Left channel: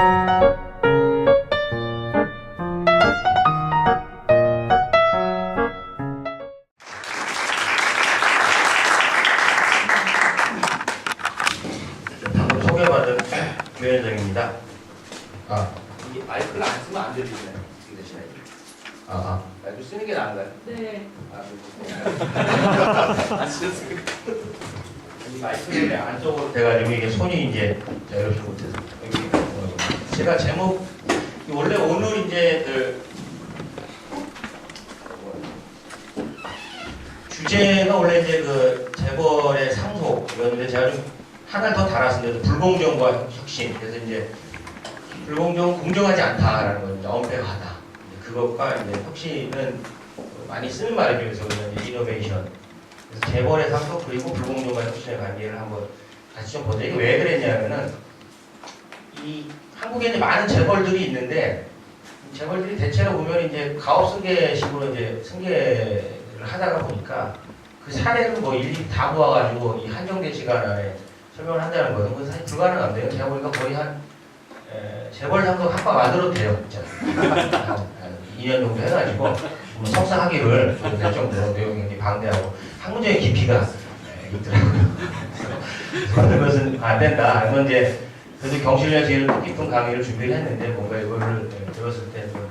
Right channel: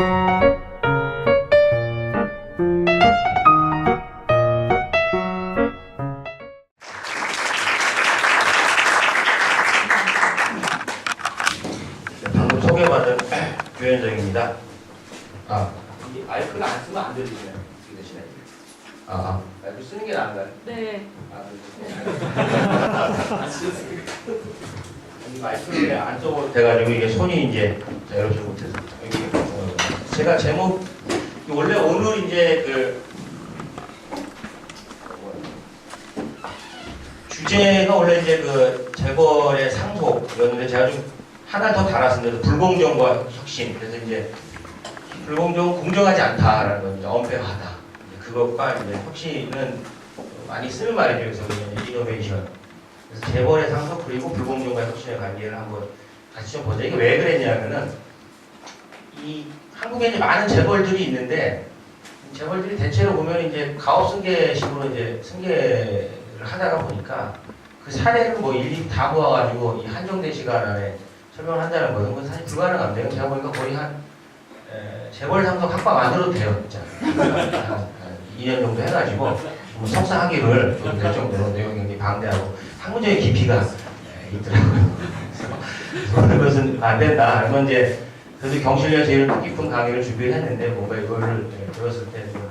방금 소개받은 유현정입니다. 이 마이크를 안 쓰면 안 들리시나요? 이 대신에 마이크 쓰는 게 나은가요? 네. 안 쓰셨으니까. 이 마이크를 안쪽으로 돼가지고 이게 손이 이제 이렇게 못해서 제가 제목 원래 오늘 이제 그 주제가 원래 이제 그 재벌의 상속이었는데 제가 좀 하나 더 달았습니다. 불공정과 혁신. 그래서 이제 불공정은 공정하지 않다라는 건 이제 엄폐하다. 그것과 이제 혁신은 많이 쓰는 말이죠. 그래서 이노베이션. 그래서 재벌의 상속 그리고 불공정과 혁신의 관계를 한번 같이 좀 보자. 이게 왜 그랬냐면은 이 한국에 이제 많은 재벌들이 있는데 재벌들이 대체로 보면 이제 가업승계식으로 이제 승계를 하다가 보니까 그 사례를 뭐 일일이 다 모아가지고 이 한정된 시간 안에 설명을 한다는 거예요. 그건 사실 불가능한데요. 제가 보니까 거의 한 재벌 상속 학과 만들어도 돼요, 진짜. 한 2년 정도 해가지고 석사 학위를 좀 될 정도로 내용이 굉장히 방대하고 학문적인 깊이가 있더라고요. 그래서 그런 것은 안 된다. 그러면 이제 그래도 경실련 제일 뜻깊은 강의를 준비를 했는데 뭔가 이거를 들었을 때 좀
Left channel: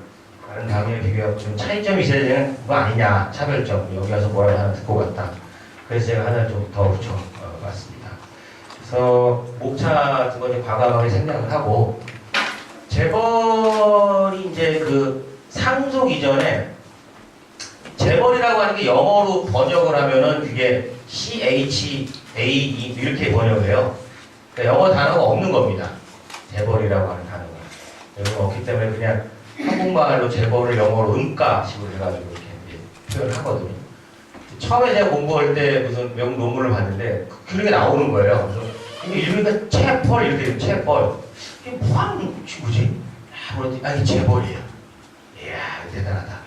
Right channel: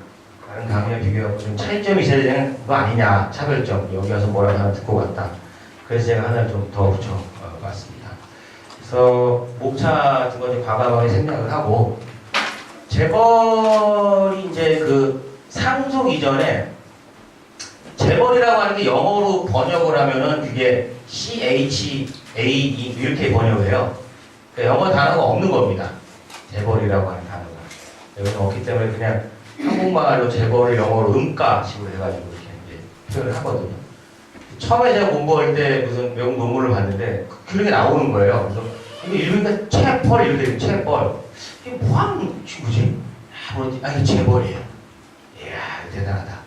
다른 강의에 비교하고 좀 차이점이 있어야 되는 거 아니냐, 차별점. 여기 와서 뭐라고 하나 듣고 갔다. 그래서 제가 하나 좀 더 붙여봤습니다. 그래서 목차 같은 거 좀 과감하게 생각을 하고 재벌이 이제 그 상속 이전에 재벌이라고 하는 게 영어로 번역을 하면은 그게 CHAE 이렇게 번역을 해요. 그러니까 영어 단어가 없는 겁니다. 재벌이라고 하는 단어가. 여기는 없기 때문에 그냥 한국말로 재벌을 영어로 음가식으로 해가지고 이렇게 이제 표현을 하거든요. 처음에 제가 공부할 때 무슨 외국 논문을 봤는데 그렇게 나오는 거예요. 그래서 이거 읽으니까 체벌 이렇게 돼요. 체벌. 이게 뭐하는 친구지? 이게 재벌이에요. 이야, 대단하다.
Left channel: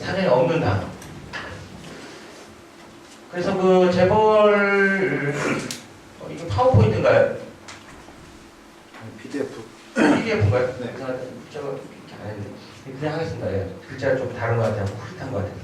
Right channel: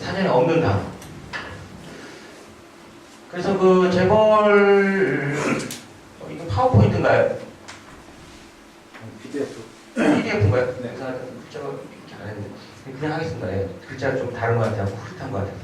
사전에 없는 단어. 그래서 그 재벌 이게 파워포인트인가요? PDF인가요? 네. 제가 이렇게 안 했는데 그냥 하겠습니다. 예. 글자가 좀 다른 것 같아요. 흐릿한 것 같아서.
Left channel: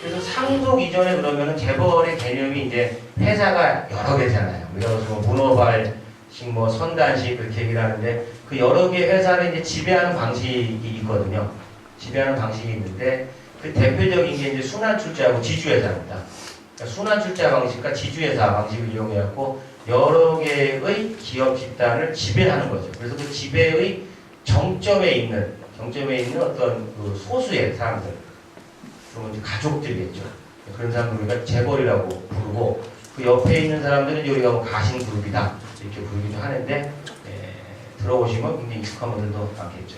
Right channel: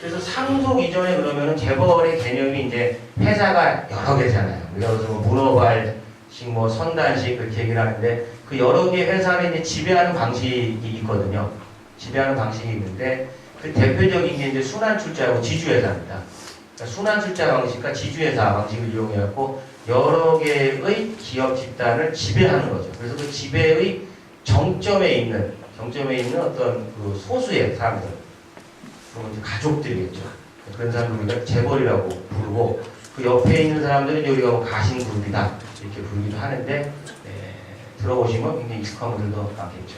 그래서 상속 이전에 그러면은 재벌의 개념이 이제 회사가 여러 개잖아요. 예를 들어서 뭐 문어발식, 뭐 선단식 그렇게 얘기를 하는데 그 여러 개 회사를 이제 지배하는 방식이 있거든요. 지배하는 방식이 있는데 그 대표적인 게 이제 순환출자하고 지주회사입니다. 그러니까 순환출자 방식과 지주회사 방식을 이용해갖고 여러 개의 기업 집단을 지배하는 거죠. 그래서 그 지배의 정점에 있는 어떤 그 소수의 사람들, 그러면 이제 가족들이겠죠. 그런 사람들 우리가 재벌이라고 부르고 그 옆에 있는 사람들은 우리가 뭐 가신그룹이다 이렇게 부르기도 하는데 들어오시면 굉장히 익숙한 분들도 많겠죠.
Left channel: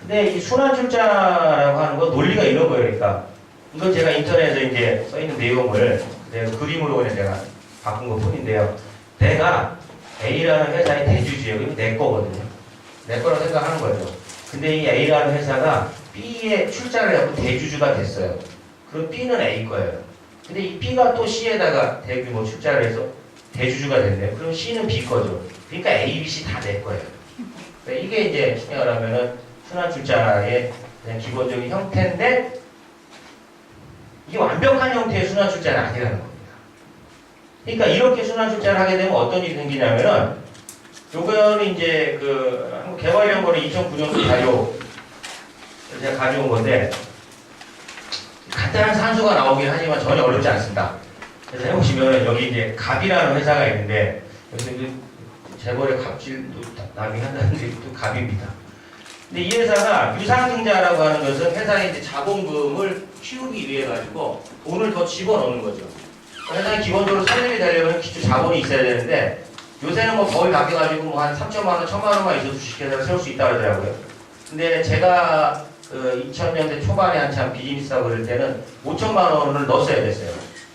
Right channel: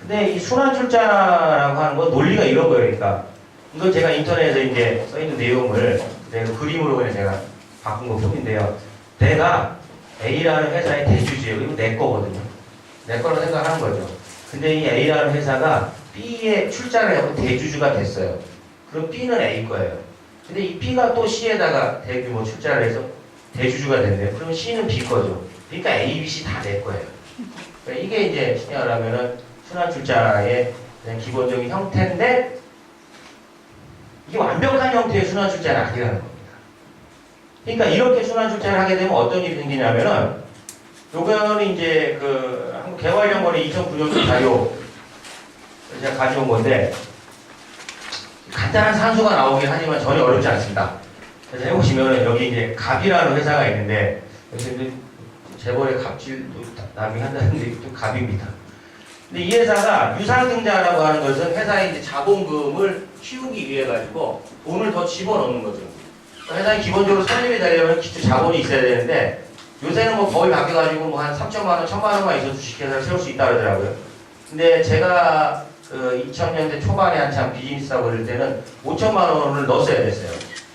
근데 이 순환출자라고 하는 건 논리가 이런 거예요. 그러니까 이건 제가 인터넷에 이제 써있는 내용을 그대로 그림으로 그냥 제가 바꾼 것 뿐인데요. 내가 A라는 회사의 대주주예요. 그러면 내 거거든요. 내 거라고 생각하는 거죠. 근데 이 A라는 회사가 B에 출자를 하고 대주주가 됐어요. 그럼 B는 A 거예요. 근데 이 B가 또 C에다가 대규모 출자를 해서 대주주가 된대요. 그럼 C는 B 거죠. 그러니까 A, B, C 다 내 거예요. 그러니까 이게 이제 쉽게 말하면은 순환출자의 그냥 기본적인 형태인데 이게 완벽한 형태의 순환출자는 아니라는 겁니다. 그러니까 이렇게 순환출자를 하게 되면 어떤 일이 생기냐면은 요거는 이제 그 한국개발연구원의 2009년도 자료 제가 가져온 건데 간단한 산수가 나오긴 하지만 전혀 어렵지 않습니다. 그래서 해보시면은 여기 이제 갑이라는 회사가 있는데 요즘 재벌의 갑질도 나빙한다는데 또 갑입니다. 근데 이 회사가 유상증자라고 하는 것은 회사의 이제 자본금을 키우기 위해 가지고 돈을 더 집어넣는 거죠. 회사에 기본적으로 설립이 되려면 기초 자본이 있어야 되는데 요새는 뭐 거의 바뀌어가지고 뭐 한 3천만 원, 1천만 원만 있어도 주식회사를 세울 수 있다 그러더라고요. 근데 제가 그 2000년대 초반에 한참 비즈니스 하고 그럴 때는 5천만 원을 넣었어야 됐어요.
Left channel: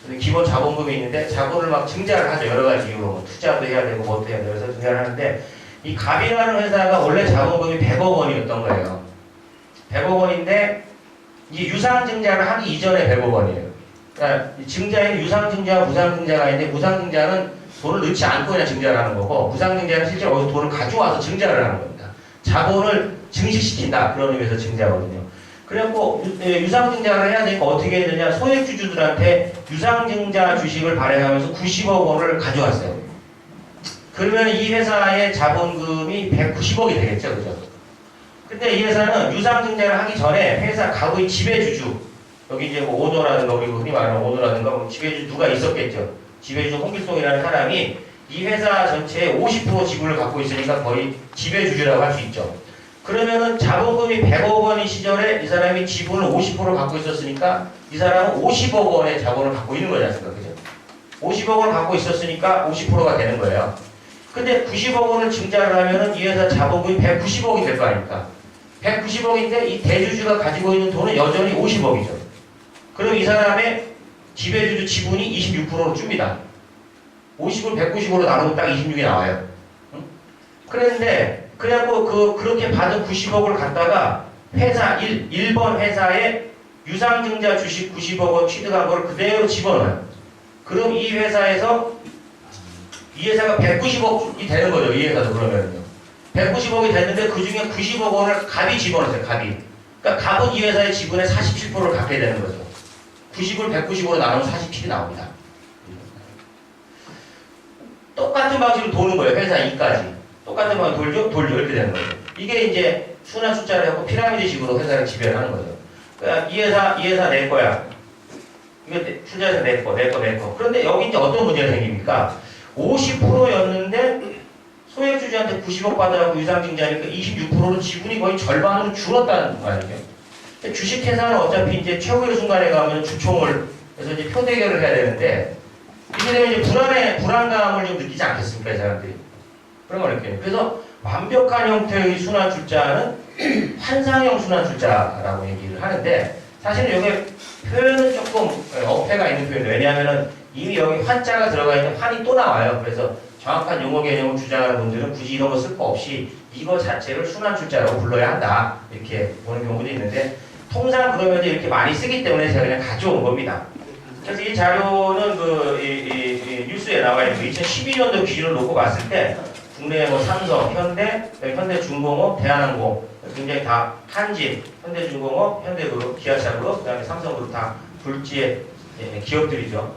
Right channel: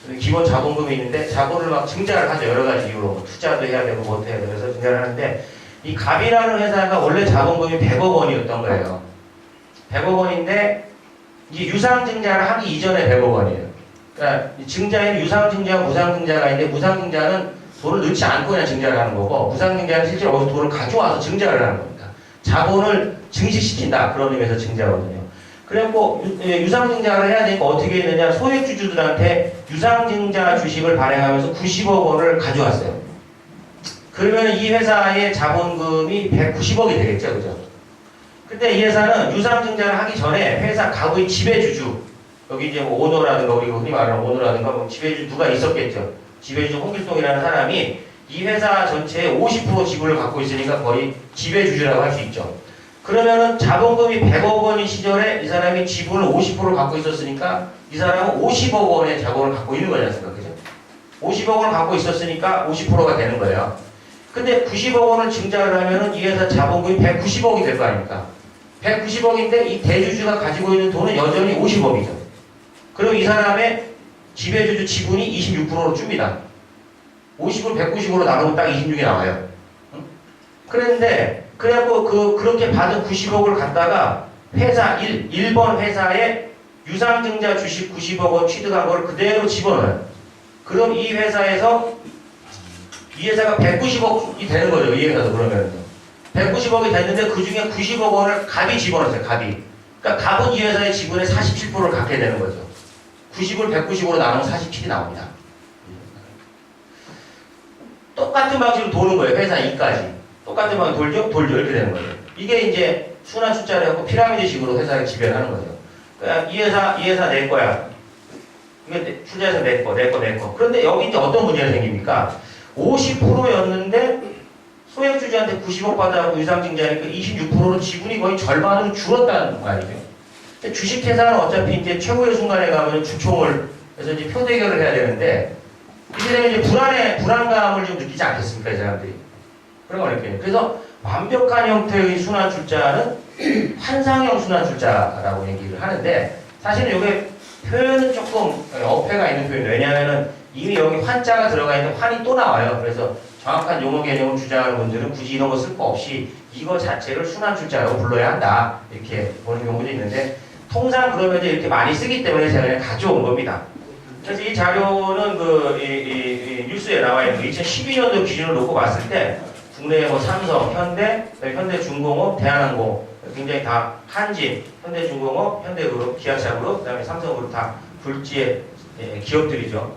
근데 기본 자본금이 있는데 자본을 막 증자를 하죠. 여러 가지 이유로. 투자도 해야 되고 뭐도 해야 되고 그래서 증자를 하는데 이 갑이라는 회사가 원래 자본금이 100억 원이었던 거예요. 100억 원인데 이게 유상증자를 하기 이전에 100억 원이에요. 그러니까 증자에는 유상증자와 무상증자가 있는데 무상증자는 돈을 넣지 않고 그냥 증자를 하는 거고 무상증자는 실제로 어디서 돈을 가져와서 증자를 하는 겁니다. 자본을 증식시킨다. 그런 의미에서 증자거든요. 그래갖고 유상증자를 해야 되니까 어떻게 했느냐. 소액주주들한테 유상증자 주식을 발행하면서 90억 원을 가져왔어요. 그러면 이 회사의 자본금이 190억이 되겠죠. 그죠? 근데 이 회사는 유상증자를 하기 전에 회사 가구의 지배주주, 여기 이제 뭐 오너라든가 우리 흔히 말하는 오너라든가 뭐 지배주주 누가 있었겠죠. 지배주주 홍길동이라는 사람이 이 회사 전체의 50% 지분을 갖고 있으니까 거의 지배주주라고 할 수 있죠. 그러면은 자본금이 100억 원인 시절에 이 사람이 지분을 50% 갖고 있었으니까 이 사람은 50억 원의 자본을 갖고 있는 거지 않습니까? 그죠? 50억 원을 갖고 있었으니까 50%가 되는 거예요. 근데 90억 원을 증자를 하면은 이 회사 자본금이 190억이 될 거 아닙니까? 190억인데 이 대주주가 가지고 있는 돈은 여전히 50억이죠. 그럼 이 사람의 지배주주 지분이 26%로 줍니다. 50을 190으로 나누면 딱 26이 나와요. 응? 그랬는데 그래갖고 그렇게 받은 90억을 갖다가 회사 1번 회사에 유상증자 주식 90억 원 취득한 걸 그대로 집어넣어요. 그럼 이 회사에서 이 회사가 190억이 되는 거죠. 이 회사도 그러면요. 190억이 됐는데 그 중에 90억 원을 갑이 집어넣었어요. 갑이. 그러니까 갑은 이 회사의 지분의 47%를 갖게 되는 거죠. 90을 190으로 나누면 47이 나옵니다. 똑같은 방식으로 도는 거예요. 회사 2까지. 똑같은 방식으로 돌죠. 이렇게 되는 거예요. 이게 이제 순환 숫자를 갖고 피라미드식으로 회사를 지배를 하는 거죠. 그러니까 이 회사 내 거야. 이거 투자해서 내 거. 그런데 여기 이제 어떤 문제가 생깁니까? 50%였는데 소액주주한테 90억 받아갖고 유상증자니까 26%로 지분이 거의 절반으로 줄었다는 거 아니에요? 주식회사는 어차피 이제 최고의 순간에 가면 주총을 해서 이제 표대결을 해야 되는데 이게 되면 이제 불안감을 좀 느끼지 않겠습니까, 이 사람들이? 그런 거 느껴요. 그래서 완벽한 형태의 순환 출자는 환상형 순환 출자라고 얘기를 하는데 사실은 여기 표현은 조금 어폐가 있는 표현이에요. 왜냐하면은 이미 여기 환자가 들어가 있는 환이 또 나와요. 그래서 정확한 용어 개념을 주장하는 분들은 굳이 이런 거 쓸 거 없이 이거 자체를 순환 출자라고 불러야 한다. 이렇게 보는 경우도 있는데 통상 그러면 이제 이렇게 많이 쓰기 때문에 제가 그냥 가져온 겁니다. 그래서 이 자료는 이 뉴스에 나와 있는 2012년도 기준을 놓고 봤을 때 국내 뭐 삼성, 현대중공업, 대한항공 굉장히 다 한진, 현대중공업, 현대그룹, 기아차그룹, 그다음에 삼성그룹 다 굴지의 기업들이죠.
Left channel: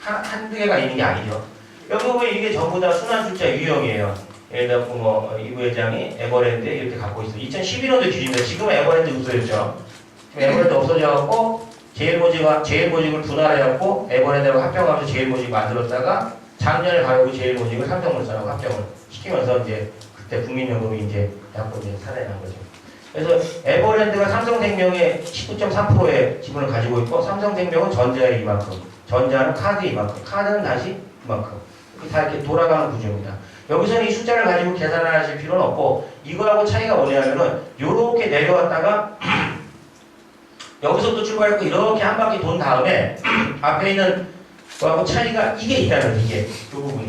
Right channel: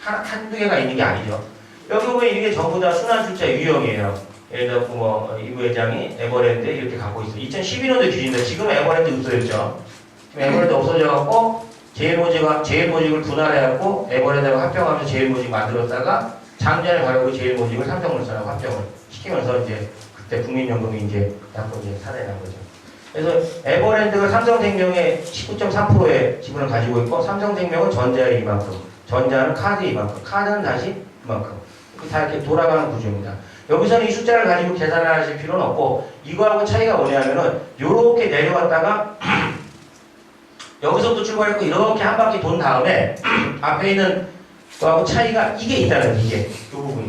한두 개가 있는 게 아니죠. 여기 보면 이게 전부 다 순환출자 유형이에요. 예를 들어 뭐 이 부회장이 에버랜드 이렇게 갖고 있어요. 2011년도 기준인데 지금 에버랜드 없어졌죠. 지금 에버랜드 없어져갖고 제일모직을 분할해갖고 에버랜드하고 합병하면서 제일모직 만들었다가 작년에 가지고 제일모직을 삼성물산하고 합병을 시키면서 이제 그때 국민연금이 이제 갖고 이제 살해난 거죠. 그래서 에버랜드가 삼성생명의 19.3%의 지분을 가지고 있고 삼성생명은 전자의 이만큼, 전자는 카드의 이만큼, 카드는 다시 이만큼. 다 이렇게 돌아가는 구조입니다. 여기서는 이 숫자를 가지고 계산하실 필요는 없고 이거하고 차이가 뭐냐면은 요렇게 내려왔다가 여기서부터 출발했고 이렇게 한 바퀴 돈 다음에 앞에 있는 거하고 차이가 이게 있다는 거죠. 이게 요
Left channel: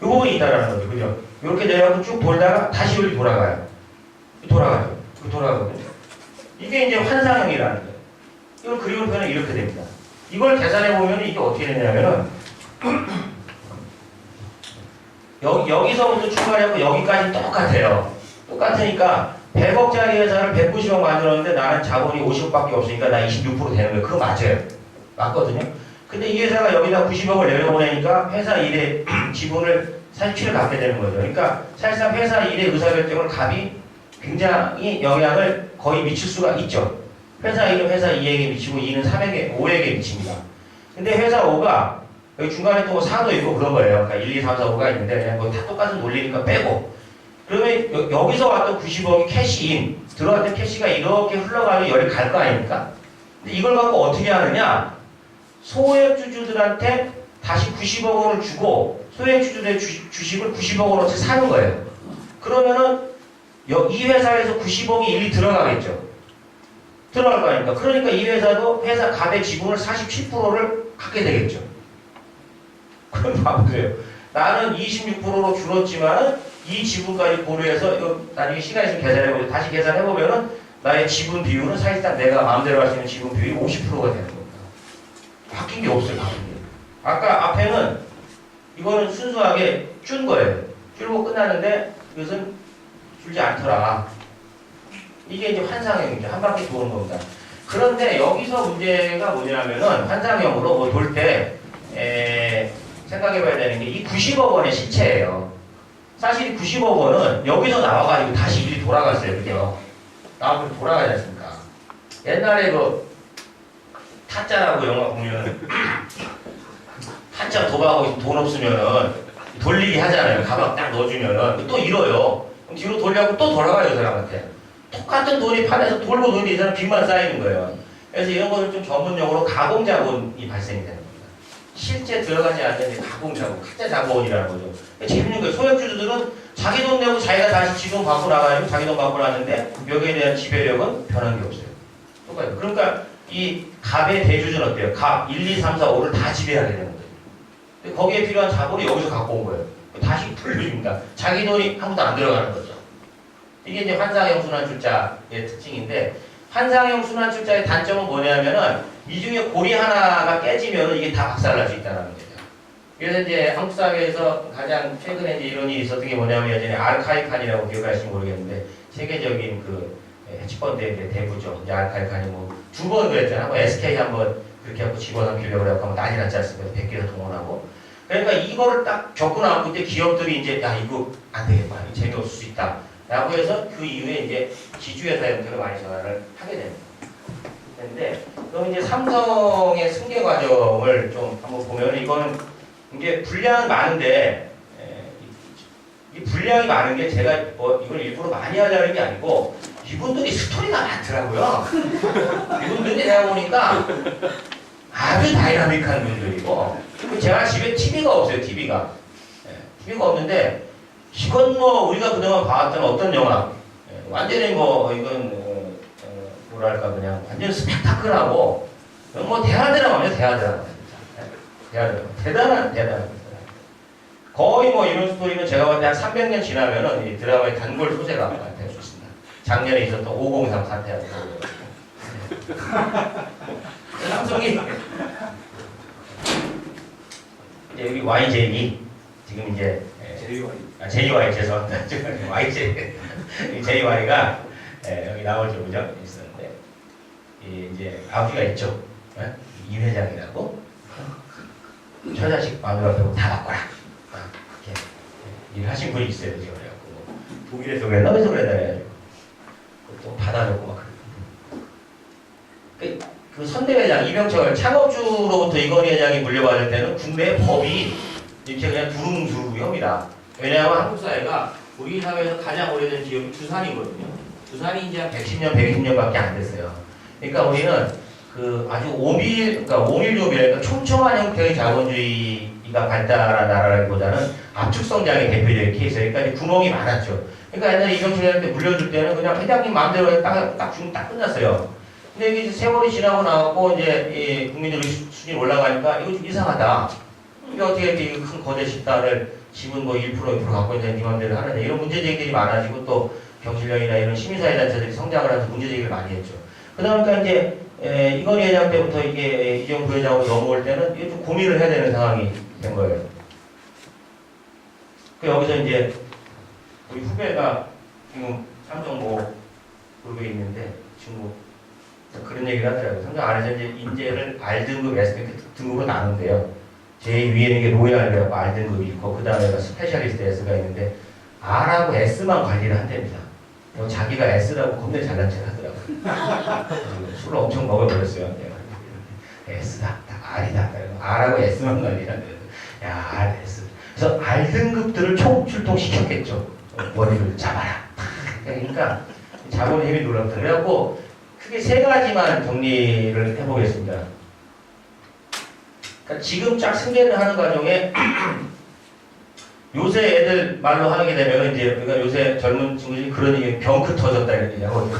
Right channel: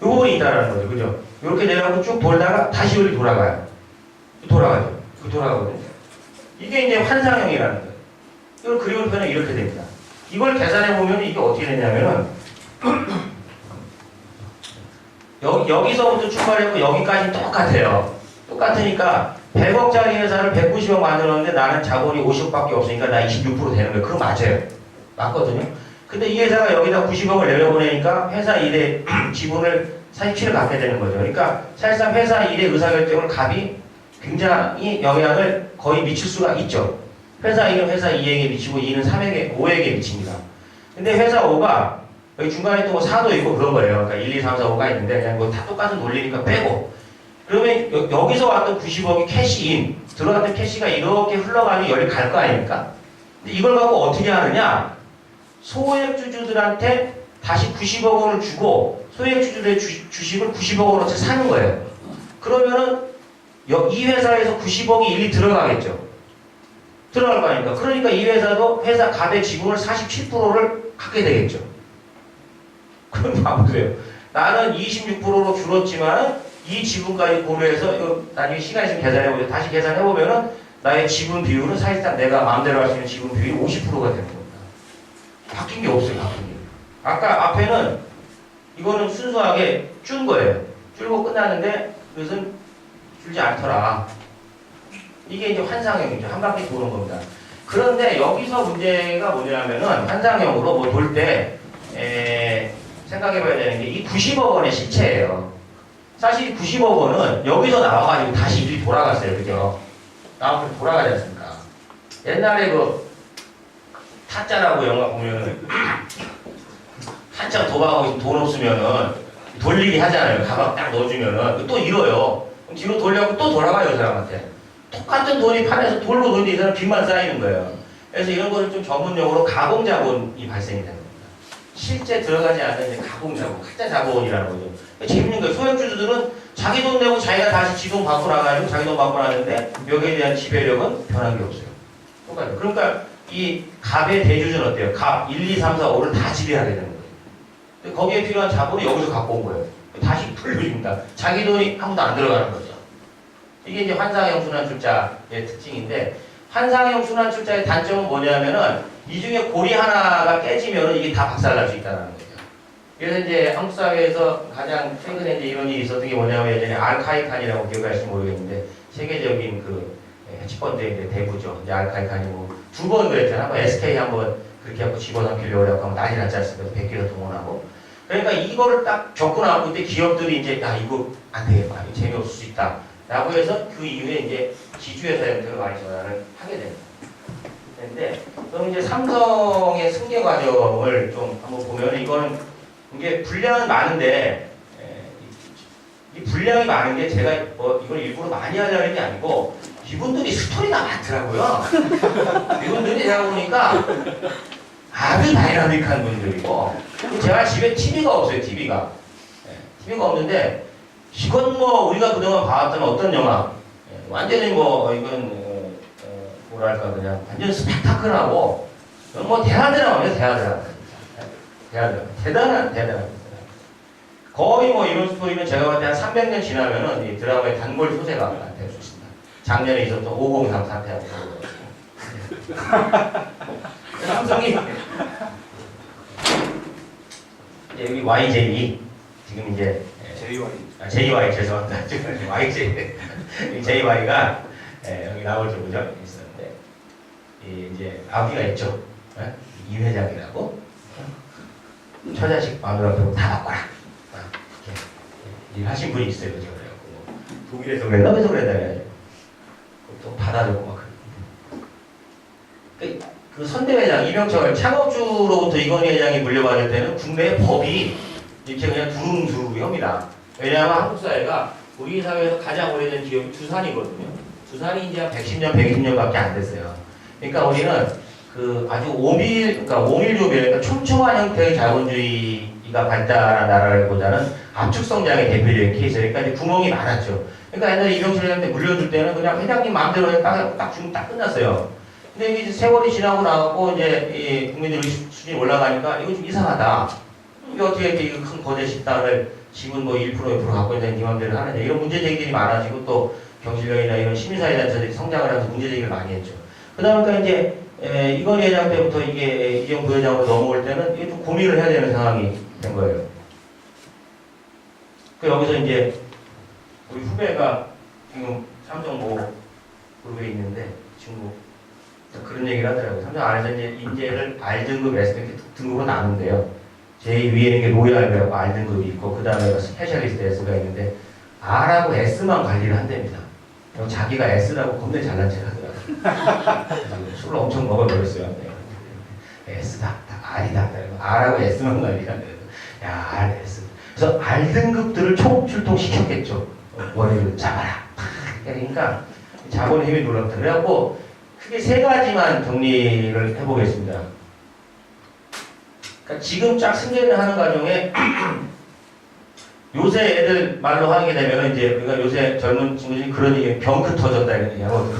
부분이 있다는 거죠. 그죠? 이렇게 내려가고 쭉 돌다가 다시 여기 돌아가요. 돌아가거든요. 이게 이제 환상형이라는 거예요. 이걸 그림을 펴면 이렇게 됩니다. 이걸 계산해 보면 이게 어떻게 되냐면은 여기서부터 출발했고 여기까지 똑같아요. 똑같으니까 100억짜리 회사를 190억 만들었는데 나는 자본이 50억밖에 없으니까 나 26% 되는 거예요. 그거 맞아요. 맞거든요. 근데 이 회사가 여기다 90억을 내려보내니까 회사 일의 지분을 47을 갖게 되는 거죠. 그러니까 사실상 회사 일의 의사결정을 갑이 굉장히 영향을 거의 미칠 수가 있죠. 회사 1은 회사 2에게 미치고 2는 3에게, 5에게 미칩니다. 근데 회사 5가 여기 중간에 또 뭐 4도 있고 그런 거예요. 그러니까 1, 2, 3, 4, 5가 있는데 그냥 뭐 다 똑같은 논리니까 빼고 그러면 여기서 왔던 90억이 캐시인 들어갔던 캐시가 이렇게 흘러가니 여기 갈 거 아닙니까? 근데 이걸 갖고 어떻게 하느냐? 소액주주들한테 다시 90억 원을 주고 소액주주들의 주식을 90억 원어치 사는 거예요. 그러면은 이 회사에서 90억이 일리 들어가겠죠. 들어갈 거 아닙니까? 그러니까 이 회사도 회사 갑의 지분을 47%를 갖게 되겠죠. 그럼 봐보세요. 나는 26%로 줄었지만은 이 지분까지 고려해서 나중에 시간 있으면 계산해보죠. 다시 계산해보면은 나의 지분 비율은 사실상 내가 마음대로 할 수 있는 지분 비율이 50%가 되는 겁니다. 바뀐 게 없어요. 바뀐 게. 아까 앞에는 이거는 순수하게 준 거예요. 줄고 끝났는데 이것은 줄지 않더라. 이게 이제 환상형이죠. 한 바퀴 도는 겁니다. 그런데 여기서 문제가 뭐냐면은 환상형으로 뭐 돌 때 생각해봐야 되는 게 이 90억 원의 시체예요. 사실 이 90억 원은 여기서 나와가지고 다시 일이 돌아갔어요. 그죠? 나와서 돌아가지 않습니까? 옛날에 그 타짜라고 영화 보면은 한참 도박하고 있으면 돈 없으면은 돌리기 하잖아요. 가방 딱 넣어주면은 또 잃어요. 그럼 뒤로 돌려고 또 돌아가요, 그 사람한테. 똑같은 돈이 판에서 돌고 도는데 이 사람 빚만 쌓이는 거예요. 그래서 이런 거는 좀 전문용어로 가공자본이 발생이 되는 겁니다. 실제 들어가지 않는 이제 가공자본, 가짜 자본이라는 거죠. 재밌는 거예요. 소액주주들은 자기 돈 내고 자기가 다시 지 돈 받고 나가지고 자기 돈 받고 나는데 여기에 대한 지배력은 변한 게 없어요. 똑같아요. 그러니까 이 갑의 대주주는 어때요? 갑 1, 2, 3, 4, 5를 다 지배하게 되는 거예요. 근데 거기에 필요한 자본이 여기서 갖고 온 거예요. 다시 불려줍니다. 자기 돈이 아무도 안 들어가는 거죠. 이게 이제 환상형 순환출자의 특징인데, 환상형 순환출자의 단점은 뭐냐면은 이 중에 고리 하나가 깨지면 이게 다 박살날 수 있다는 거죠. 그래서 이제 한국 사회에서 가장 최근에 이제 이런 일이 있었던 게 뭐냐면 예전에 알카이칸이라고 기억하실지 모르겠는데 세계적인 그 해치펀드의 이제 대부죠. 이제 알카이칸이 뭐 두 번 그랬잖아요. 한번 SK 한번 그렇게 하고 집어넣기려고 하고 난리 났지 않습니까? 100개가 동원하고. 그러니까 이거를 딱 겪고 나고 그때 기업들이 이제 야 이거 안 되겠다. 이거 재미없을 수 있다. 라고 해서 그 이후에 이제 지주회사한테 많이 전화를 하게 됩니다. 근데 그럼 이제 삼성의 승계 과정을 좀 한번 보면 이거는 이제 분량은 많은데 이 분량이 많은 게 제가 뭐 이걸 일부러 많이 하려는 게 아니고 이분들이 스토리가 많더라고요. 이분들이 내가 보니까 아주 다이나믹한 분들이고 제가 집에 TV가 없어요. TV가 없는데 이건 뭐 우리가 그동안 봐왔던 어떤 영화 완전히 뭐 이건 뭐랄까 그냥 완전 스펙타클하고 뭐 대하드라마면 대하드라마 대단한 거의 뭐 이런 스토리는 제가 볼 때 한 300년 지나면은 이 드라마의 단골 소재가 될 수 있습니다. 작년에 있었던 503 사태하고 삼성이 이제 여기 YJE 지금 이제 JY 죄송합니다. JY가 여기 나올 정도죠 있었는데 이제 아버지가 있죠. 이 회장이라고 처자식 마누라 빼고 다 바꿔라. 이렇게 일하신 분이 있어요. 지금 그래갖고 독일에서 그랬나 어디서 그랬나 해가지고 또 받아줬고 막 그 선대회장 이병철 창업주로부터 이건희 회장이 물려받을 때는 국내 법이 이렇게 그냥 두루뭉술합니다. 왜냐하면 한국 사회가 우리 사회에서 가장 오래된 기업이 두산이거든요. 두산이 이제 한 110년, 120년밖에 안 됐어요. 그러니까 우리는 그 아주 그러니까 오밀조별, 그러니까 촘촘한 형태의 자본주의가 발달한 나라라기보다는 압축 성장의 대표적인 케이스예요. 그러니까 이제 구멍이 많았죠. 그러니까 옛날에 이병철 회장한테 물려줄 때는 그냥 회장님 마음대로 딱 주면 딱 끝났어요. 근데 이게 세월이 지나고 나고 이제 이 국민들 수준이 올라가니까 이거 좀 이상하다. 이게 어떻게 이렇게 큰 거대 식당을 지분 뭐 1%, 2% 갖고 있는 네 맘대로 하느냐. 이런 문제 제기들이 많아지고 또 경실련이나 이런 시민사회 단체들이 성장을 하면서 문제 제기를 많이 했죠. 그러다 보니까 이제 이건희 회장 때부터 이게 이재용 부회장으로 넘어올 때는 이게 좀 고민을 해야 되는 상황이 된 거예요. 그 여기서 이제 우리 후배가 지금 삼성 뭐 그룹에 있는데 친구 그런 얘기를 하더라고요. 삼성 안에서 이제 인재를 R등급, S등급은 나눈대요. 제일 위에 있는 게 로얄이라고 R등급이 있고 그 다음에 스페셜리스트 S가 있는데 R하고 S만 관리를 한답니다. 자기가 S라고 겁내 잘난 척 하더라고요. 술을 엄청 먹어버렸어요. S다, R이다. R하고 S만 관리를 한대요. 야, R, S. 그래서 R등급들을 총출동시켰겠죠. 원인을 잡아라. 그러니까 자본의 힘이 놀랍다. 그래갖고 크게 세 가지만 정리를 해보겠습니다. 그러니까 지금 쫙 승계를 하는 과정에 요새 애들 말로 하게 되면 이제 우리가 요새 젊은 친구들이 그런 얘기 병크 터졌다 이런 얘기 하거든요.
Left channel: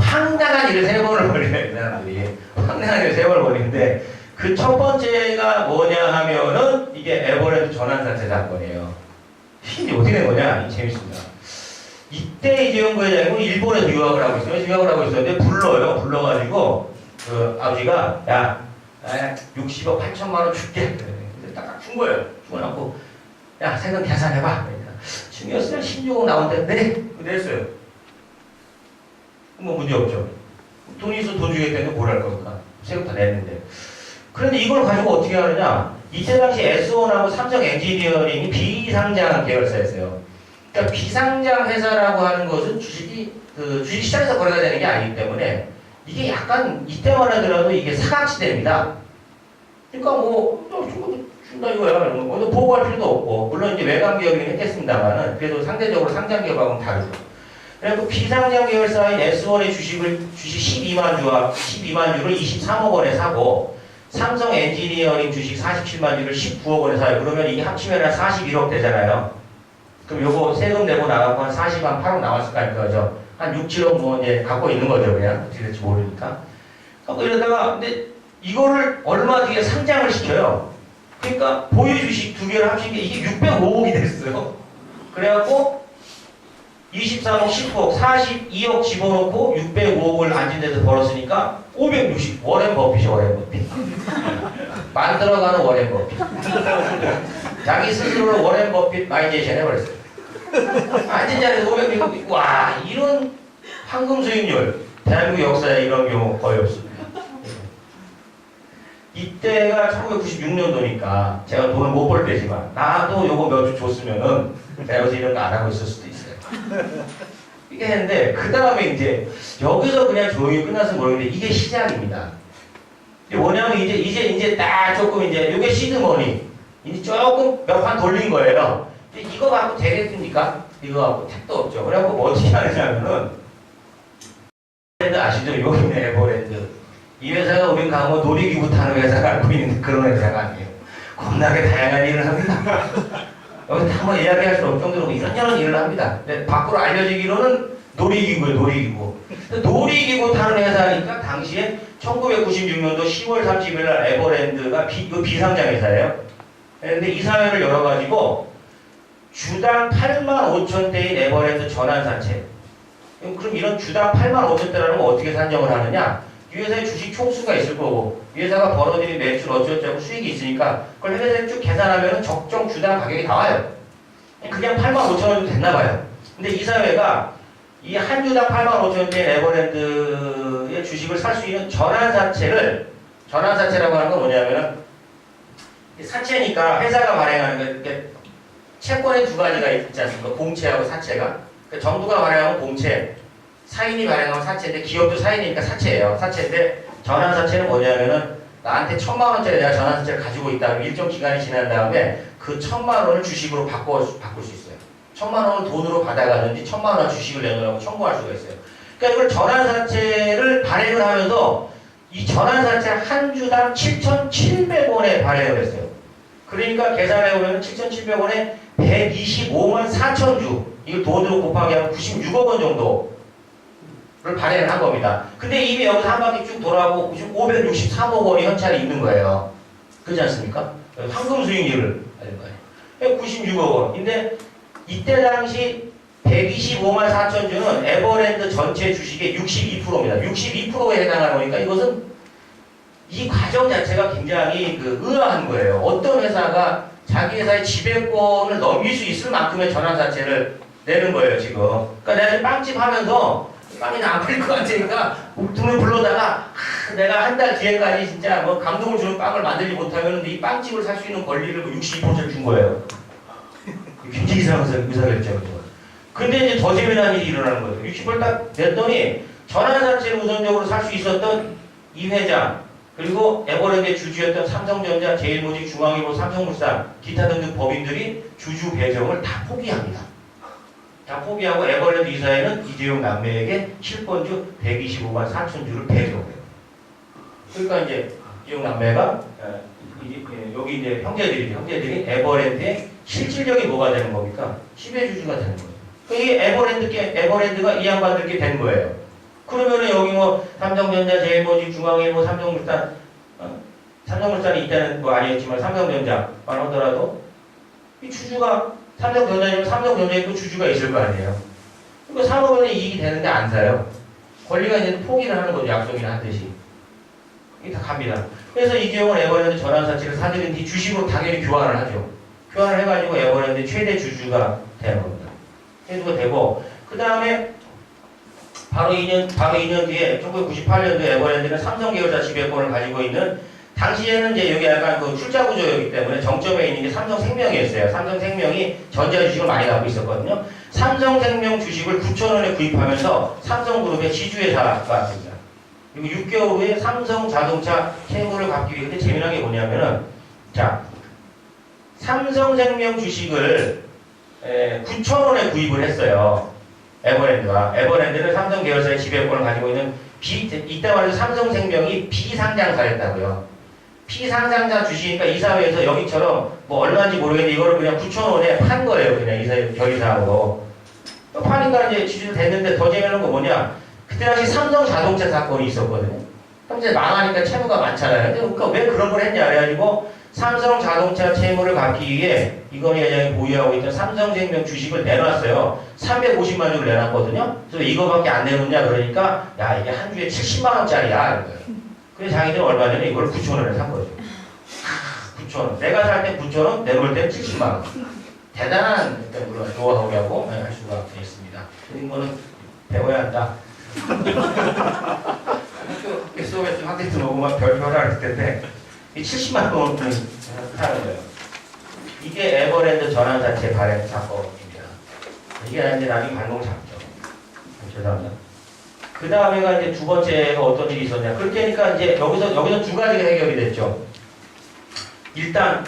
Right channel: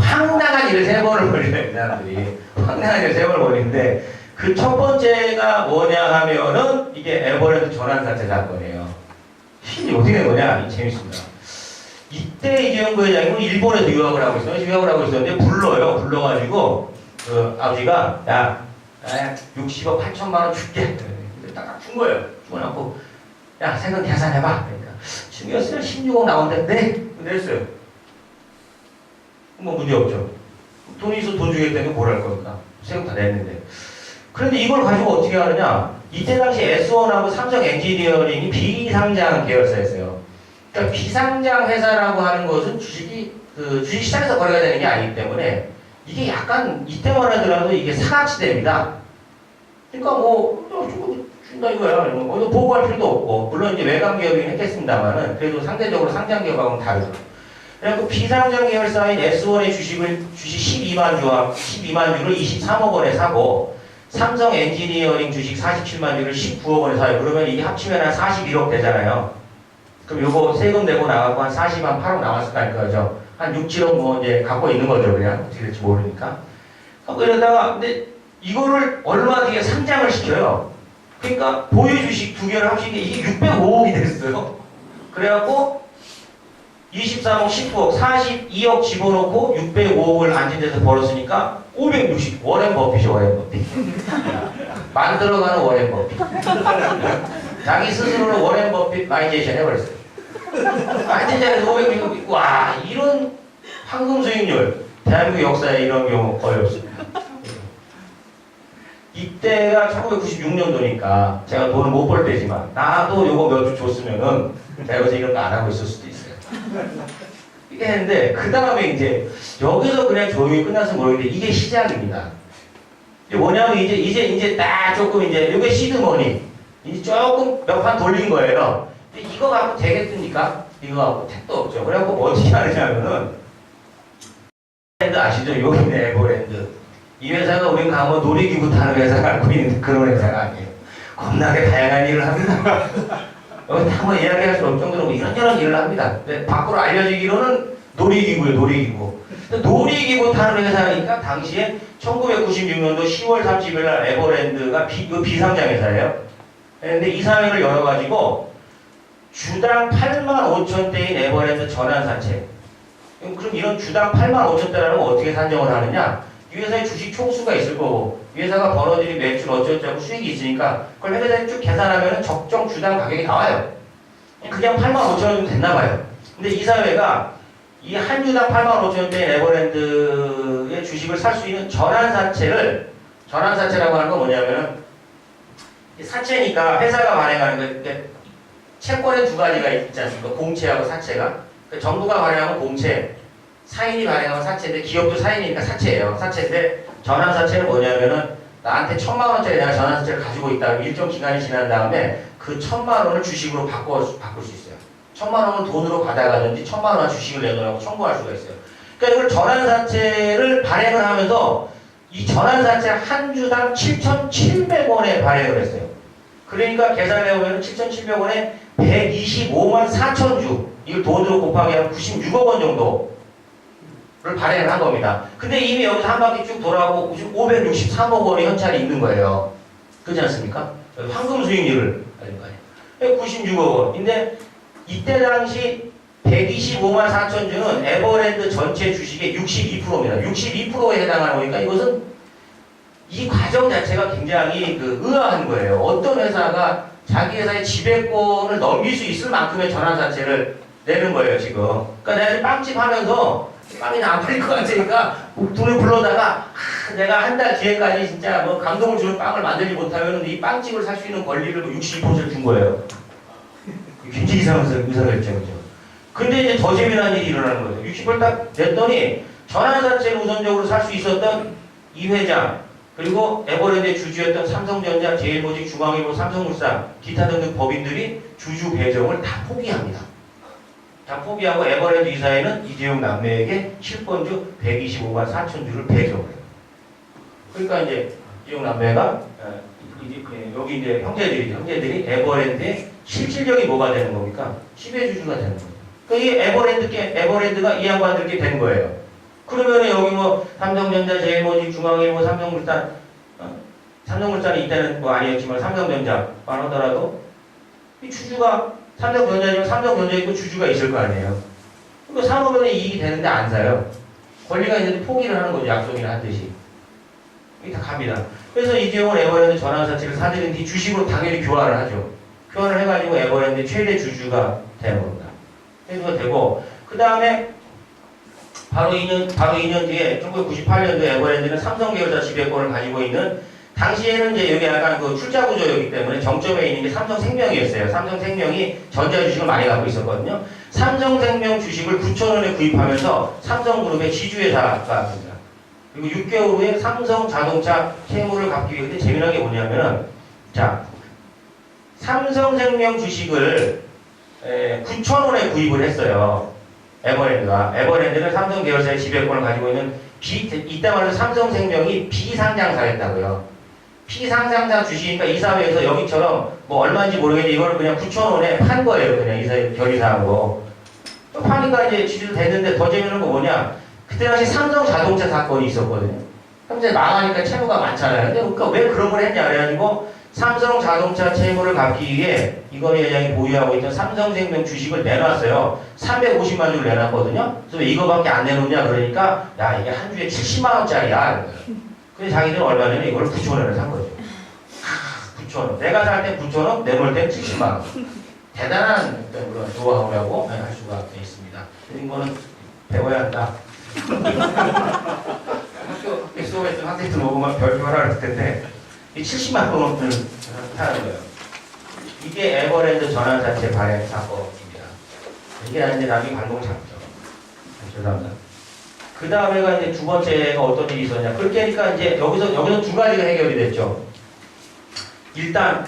황당한 일을 3번을 벌여요, 이 사람들이. 황당한 일을 3번을 벌이는데 그 첫 번째가 뭐냐 하면은 이게 에버랜드 전환사태 사건이에요. 이게 어떻게 된 거냐? 재밌습니다. 이때 이재용 부회장이 일본에서 유학을 하고 있어요. 유학을 하고 있었는데 불러요. 불러가지고 그 아버지가 야 60억 8천만 원 줄게. 근데 딱 준 거예요. 주고 나고 야 세금 계산해봐. 그러니까 중이었으면 16억 나온다는데 냈어요. 뭐 문제 없죠. 돈이 있어 돈 주겠다는데 뭘 할 겁니까? 세금 다 냈는데. 그런데 이걸 가지고 어떻게 하느냐? 이때 당시 S1하고 삼성 엔지니어링이 비상장 계열사였어요. 그러니까 비상장 회사라고 하는 것은 주식시장에서 거래가 되는 게 아니기 때문에 이게 약간 이때만 하더라도 이게 사각지대입니다. 그러니까 준다 이거야. 보고할 필요도 없고, 물론 이제 외곽 기업이긴 했겠습니다만은 그래도 상대적으로 상장 기업하고는 다르죠. 그래서 비상장 계열사인 S1의 주식 12만 주를 23억 원에 사고, 삼성 엔지니어링 주식 47만 주를 19억 원에 사요. 그러면 이게 합치면 한 41억 되잖아요. 그럼 요거 세금 내고 나가고 한 40만 8억 나왔을 거 아닐 거죠. 한 6, 7억 뭐 이제 갖고 있는 거죠. 그냥 어떻게 될지 모르니까. 하고 이러다가 근데 이거를 얼마 뒤에 상장을 시켜요. 그러니까 보유 주식 두 개를 합친 게 이게 605억이 됐어요. 그래갖고 23억, 19억, 42억 집어넣고 605억을 앉은 데서 벌었으니까 560. 워렌 버핏이 워렌 버핏. 만들어가는 워렌 버핏. 자기 스스로는 워렌 버핏 마이제이션 해버렸어요. 앉은 자리에서 560. 와, 이런 황금 수익률. 대한민국 역사에 이런 경우 거의 없습니다. 이때가 1996년도니까 제가 돈을 못 벌 때지만 나도 요거 몇 주 줬으면은 내가 요새 이런 거 안 하고 있을 수도 있어요. 이게 했는데 그 다음에 이제 여기서 그냥 조용히 끝났으면 모르겠는데 이게 시작입니다. 이게 뭐냐면 이제 딱 조금 이제 요게 시드머니 이제 조금 몇 판 돌린 거예요. 근데 이거 갖고 되겠습니까? 이거 갖고 택도 없죠. 그래갖고 뭐 어떻게 하느냐면은 브랜드 아시죠? 요긴의 에버랜드. 이 회사가 우린 가면 놀이기구 타는 회사가 알고 있는 그런 회사가 아니에요. 겁나게 다양한 일을 합니다. 여기 한번 이야기할 수 없을 정도로 이런저런 일을 합니다. 근데 밖으로 알려지기로는 놀이기구예요, 놀이기구. 놀이기구 타는 회사니까 당시에 1996년도 10월 30일 날 에버랜드가 비상장 회사예요. 근데 이사회를 열어가지고 주당 8만 5천 대인 에버랜드 전환사채. 그럼 이런 주당 8만 5천 대라는 건 어떻게 산정을 하느냐? 이 회사의 주식 총수가 있을 거고, 이 회사가 벌어들인 매출 어쩌고저쩌고 수익이 있으니까, 그걸 회사에 쭉 계산하면 적정 주당 가격이 나와요. 그냥 8만 5천 원 정도 됐나 봐요. 근데 이 사회가 이 한 주당 8만 5천 대인 에버랜드의 주식을 살 수 있는 전환사채라고 하는 건 뭐냐면은, 사채니까 회사가 발행하는 거, 이렇게 채권의 두 가지가 있지 않습니까? 공채하고 사채가. 정부가 발행하면 공채, 사인이 발행하면 사채인데 기업도 사인이니까 사채예요. 사채인데 전환사채는 뭐냐면은 나한테 1,000만 원짜리 내가 전환사채를 가지고 있다. 일정 기간이 지난 다음에 그 1,000만 원을 주식으로 바꿀 수 있어요. 1,000만 원을 돈으로 받아가든지 1,000만 원 주식을 내놓으라고 청구할 수가 있어요. 그러니까 이걸 전환사채를 발행을 하면서 이 전환사채 한 주당 7,700원에 발행을 했어요. 그러니까 계산해보면 7,700원에 125만 4천 주. 이걸 돈으로 곱하기 하면 96억 원 정도를 발행을 한 겁니다. 근데 이미 여기서 한 바퀴 쭉 돌아오고 563억 원이 현찰이 있는 거예요. 그렇지 않습니까? 황금 수익률을 가진 거예요. 96억 원. 근데 이때 당시 125만 4천 주는 에버랜드 전체 주식의 62%입니다. 62%에 해당하는 거니까 이것은 이 과정 자체가 굉장히 의아한 거예요. 어떤 회사가 자기 회사의 지배권을 넘길 수 있을 만큼의 전환사채를 내는 거예요, 지금. 그러니까 내가 지금 빵집 하면서 빵이 안 팔릴 것 같으니까 돈을 불러다가 내가 한 달 뒤에까지 진짜 뭐 감동을 주는 빵을 만들지 못하면 이 빵집을 살 수 있는 권리를 62%를 준 거예요. 굉장히 이상한 의사결정이죠. 근데 이제 더 재미난 일이 일어나는 거죠. 60%를 딱 냈더니 전환사채를 우선적으로 살 수 있었던 이 회장, 그리고 에버랜드의 주주였던 삼성전자, 제일모직, 중앙일보, 삼성물산, 기타 등등 법인들이 주주 배정을 다 포기합니다. 다 포기하고 에버랜드 이사회는 이재용 남매에게 실권주 125만 4천 주를 배정해요. 그러니까 이제 이재용 남매가 여기 이제 형제들이 에버랜드의 실질적인 뭐가 되는 겁니까? 지배주주가 되는 거예요. 그러니까 이게 에버랜드가 이 양반들께 된 거예요. 그러면은 여기 뭐 삼성전자, 제일모직, 중앙일보, 삼성물산이 이때는 뭐 아니었지만 삼성전자만 하더라도 이 주주가 삼성전자지만 삼성전자에 또 주주가 있을 거 아니에요. 그러니까 산업은에 이익이 되는데 안 사요. 권리가 있는데 포기를 하는 거죠. 약속이나 하듯이. 이게 다 갑니다. 그래서 이재용은 에버랜드 전환사채를 사들인 뒤 주식으로 당연히 교환을 하죠. 표현을 해가지고 에버랜드 최대 주주가 되는 겁니다. 최대가 되고 그 다음에 바로 2년 뒤에 1998년도에 에버랜드는 삼성 계열사 지배권을 가지고 있는 당시에는 이제 여기 약간 그 출자 구조였기 때문에 정점에 있는 게 삼성생명이었어요. 삼성생명이 전자 주식을 많이 갖고 있었거든요. 삼성생명 주식을 9,000원에 구입하면서 삼성그룹의 지주회사가 됩니다. 그리고 6개월 후에 삼성자동차 채무를 갚기 위해 근데 재미난 게 뭐냐면은 자 삼성생명 주식을 9,000원에 구입을 했어요. 에버랜드는 삼성 계열사의 지배권을 가지고 있는 이때 말해서 삼성생명이 비상장사였다고요. 피상장자 주시니까 이사회에서 여기처럼 뭐 얼마인지 모르겠는데 이거를 그냥 9,000원에 판 거예요. 그냥 이사회 결의사하고. 또 파니까 이제 지주도 됐는데 더 재미있는 거 뭐냐. 그때 당시 삼성 자동차 사건이 있었거든요. 현재 망하니까 채무가 많잖아요. 근데 그러니까 왜 그런 걸 했냐. 그래가지고 삼성 자동차 채무를 갚기 위해 이건희 회장이 보유하고 있던 삼성생명 주식을 내놨어요. 350만 주를 내놨거든요. 그래서 왜 이거밖에 안 내놓냐 그러니까 야 이게 한 주에 70만 원짜리야. 그래서 자기들은 얼마 전에 이걸 9,000원에 산 거죠. 9,000원. 내가 살 때 9,000원, 내놓을 때 70만 원. 대단한 어떤 그런 노하우라고 할 수가 있습니다. 이런 거는 배워야 한다. 학교 수업에서 학생들 보고 막 별표를 할 텐데 이 70만 원을 하는 거예요. 이게 에버랜드 전환사채 발행 사건입니다. 이게 이제 나중에 발목 잡죠. 죄송합니다. 그 다음에가 이제 두 번째가 어떤 일이 있었냐. 그렇게 하니까 이제 여기서 두 가지가 해결이 됐죠. 일단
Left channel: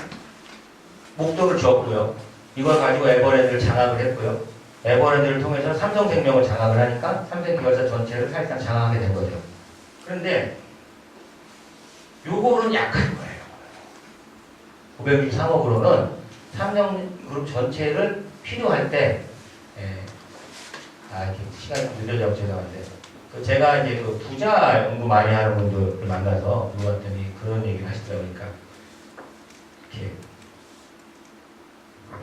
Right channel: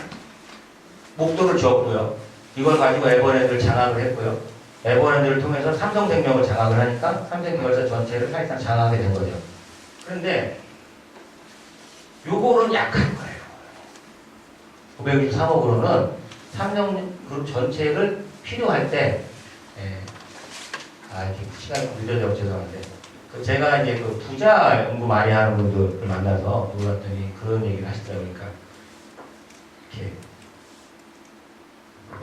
목돈을 줬고요. 이걸 가지고 에버랜드를 장악을 했고요. 에버랜드를 통해서 삼성생명을 장악을 하니까 삼성계열사 전체를 사실상 장악하게 된 거죠. 그런데 요거는 약한 거예요. 563억으로는 삼성그룹 전체를 필요할 때 이렇게 시간이 좀 늦어져 죄송한데 제가 이제 그 부자 연구 많이 하는 분들을 만나서 물어봤더니 그런 얘기를 하시더라고요. 그러니까 이렇게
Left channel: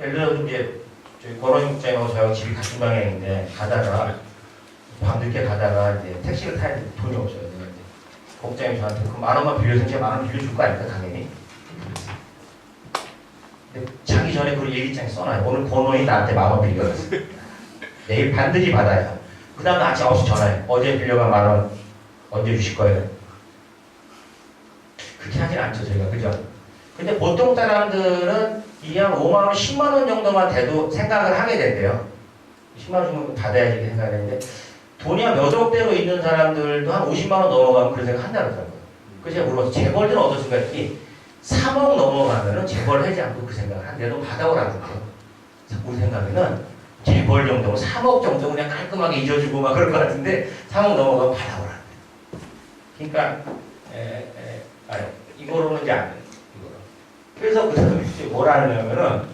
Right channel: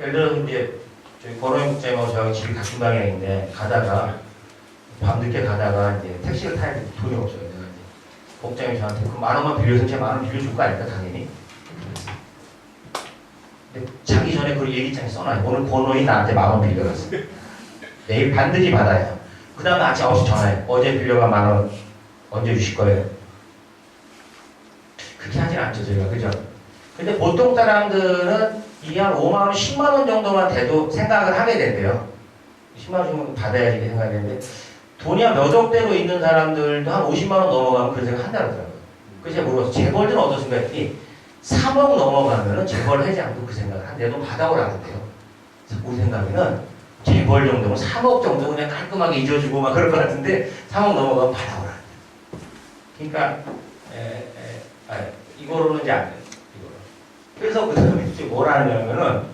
예를 들어서 이제 저희 권호영 국장하고 저하고 집이 같은 방향인데 가다가 밤늦게 가다가 이제 택시를 타야 되는데 돈이 없어요. 내가 이제 국장이 저한테 그 10,000원만 빌려서 제가 10,000원 빌려줄 거 아닙니까 당연히. 근데 자기 전에 그 얘기장에 써놔요. 오늘 권호영이 나한테 10,000원 빌려갔어. 내일 반드시 받아요. 그 다음에 아침 9시 전화해. 어제 빌려간 10,000원 언제 주실 거예요? 그렇게 하진 않죠, 제가. 그죠? 근데 보통 사람들은 이게 한 5만원, 10만원 정도만 돼도 생각을 하게 된대요. 10만원 주면 받아야지 이렇게 생각하는데 돈이 한 몇 억대로 있는 사람들도 한 50만원 넘어가면 그런 생각 한다고 하더라고요. 그래서 제가 물어봤어요. 재벌들은 어떻습니까? 했더니 3억 넘어가면은 재벌 하지 않고 그 생각을 한대. 너 받아오라는데요. 우리 생각에는 재벌 정도면 3억 정도 그냥 깔끔하게 잊어주고 막 그럴 것 같은데 3억 넘어가면 받아오라는데. 그러니까 이거로는 이제 안 돼요. 이거로. 그래서 그 다음에 이제 뭘 하냐면은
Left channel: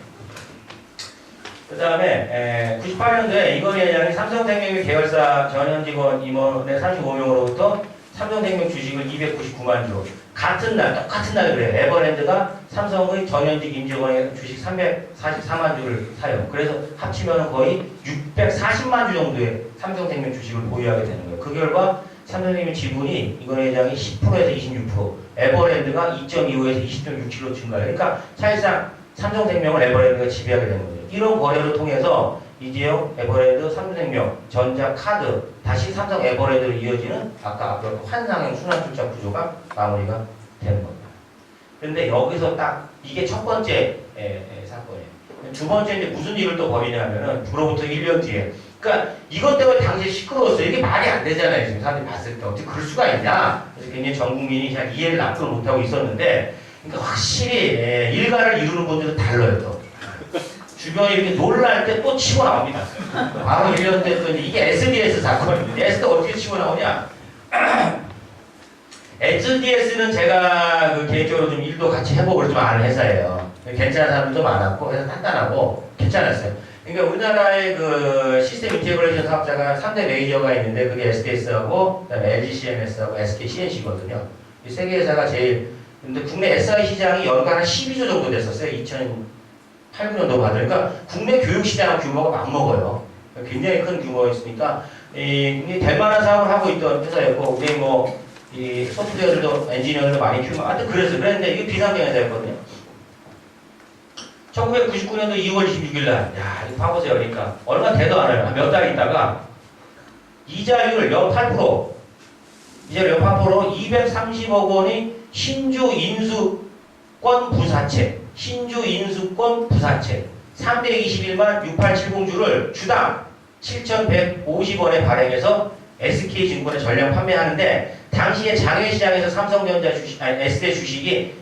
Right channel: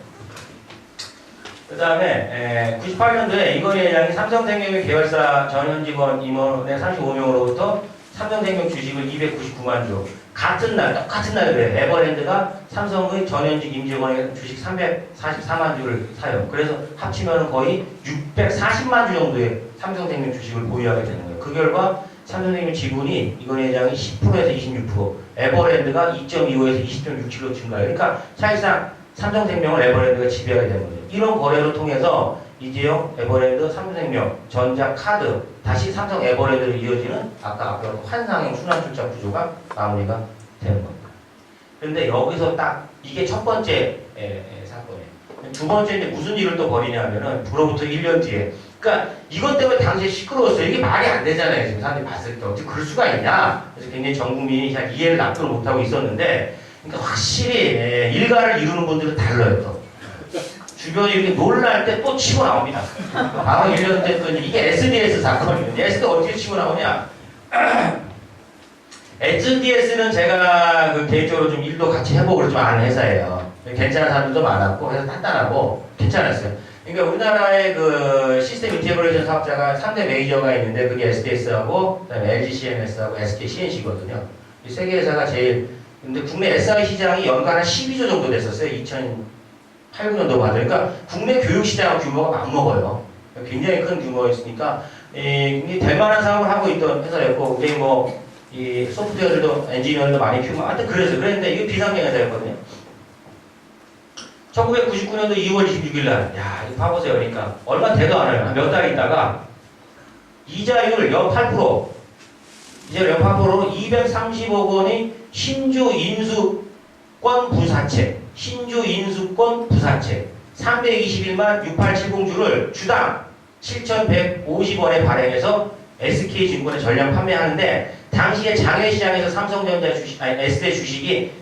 그 다음에 98년도에 이건희 회장이 삼성생명의 계열사 전현 직원 임원의 35명으로부터 삼성생명 주식을 299만 주 같은 날 똑같은 날 그래요. 에버랜드가 삼성의 전현직 임직원의 주식 344만 주를 사요. 그래서 합치면 거의 640만 주 정도의 삼성생명 주식을 보유하게 되는 거예요. 그 결과 삼성생명 지분이 이건희 회장이 10%에서 26%, 에버랜드가 2.25에서 20.67로 증가해요. 그러니까 사실상 삼성생명을 에버랜드가 지배하게 되는 거죠. 이런 거래를 통해서 이재용, 에버랜드, 삼성생명, 전자카드, 다시 삼성 에버랜드로 이어지는 아까 앞으로 환상형 순환출자 구조가 마무리가 되는 겁니다. 그런데 여기서 딱 이게 첫 번째 사건이에요. 두 번째 이제 무슨 일을 또 벌이냐면은 그로부터 1년 뒤에 그러니까 이것 때문에 당시에 시끄러웠어요. 이게 말이 안 되잖아요. 지금 사람들이 봤을 때 어떻게 그럴 수가 있냐. 그래서 굉장히 전 국민이 잘 이해를 납득을 못하고 있었는데 그러니까 확실히 일가를 이루는 분들은 달라요. 또. 주변이 이렇게 놀랄 때 또 치고 나옵니다. 바로 1년 됐더니 이게 SDS 사건입니다. SDS 어떻게 치고 나오냐? SDS는 제가 그 개인적으로 좀 일도 같이 해보고 좀 아는 회사예요. 괜찮은 사람들도 많았고 회사 단단하고 괜찮았어요. 그러니까 우리나라의 그 시스템 인테그레이션 사업자가 3대 메이저가 있는데 그게 SDS하고 그다음에 LG CMS하고 SK CNC거든요. 이 세 개 회사가 제일 근데 국내 SI 시장이 연간 한 12조 정도 됐었어요. 2008, 9년도 봐도. 그러니까 국내 교육 시장 규모가 맞먹어요. 굉장히 큰 규모였으니까 이 될만한 사업을 하고 있던 회사였고 굉장히 뭐 이 소프트웨어들도 엔지니어들도 많이 키우고 하여튼 그랬는데 이게 비상경 회사였거든요. 1999년도 2월 26일 날, 야, 이거 봐보세요. 그러니까 얼마 되도 않아요. 몇 달 있다가 이자율 연 8%, 이자율 연 8%로 230억 원이 신주 인수권 부사채, 신주 인수권 부사채 321만 6870주를 주당 7,150원에 발행해서 SK증권에 전량 판매하는데 당시에 장외시장에서 삼성전자 주식, 아니 S대 주식이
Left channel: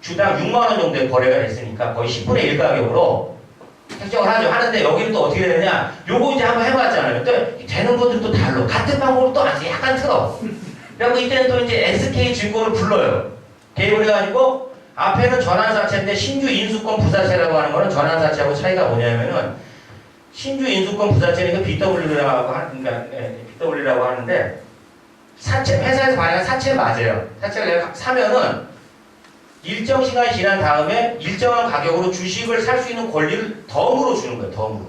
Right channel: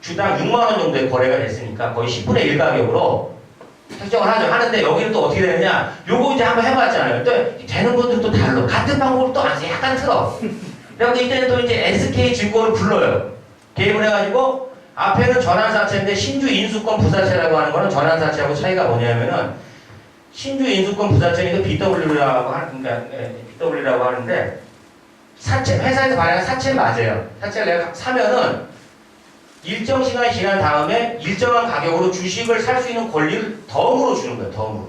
주당 6만 원 정도의 거래가 됐으니까 거의 10분의 1 가격으로 책정을 하죠. 하는데 여기는 또 어떻게 되느냐? 요거 이제 한번 해봤잖아요. 또 되는 분들은 또 달라. 같은 방법을 또 안 써. 약간 틀어. 그래서 이때는 또 이제 SK증권을 불러요. 개입을 해가지고 앞에는 전환사채인데 신주 인수권 부사채라고 하는 거는 전환사채하고 차이가 뭐냐면은 신주 인수권 부사채는 BW라고 하는, 그러니까 BW라고 하는데 사채, 회사에서 발행한 사채 맞아요. 사채를 내가 사면은 일정 시간이 지난 다음에 일정한 가격으로 주식을 살 수 있는 권리를 덤으로 주는 거예요. 덤으로.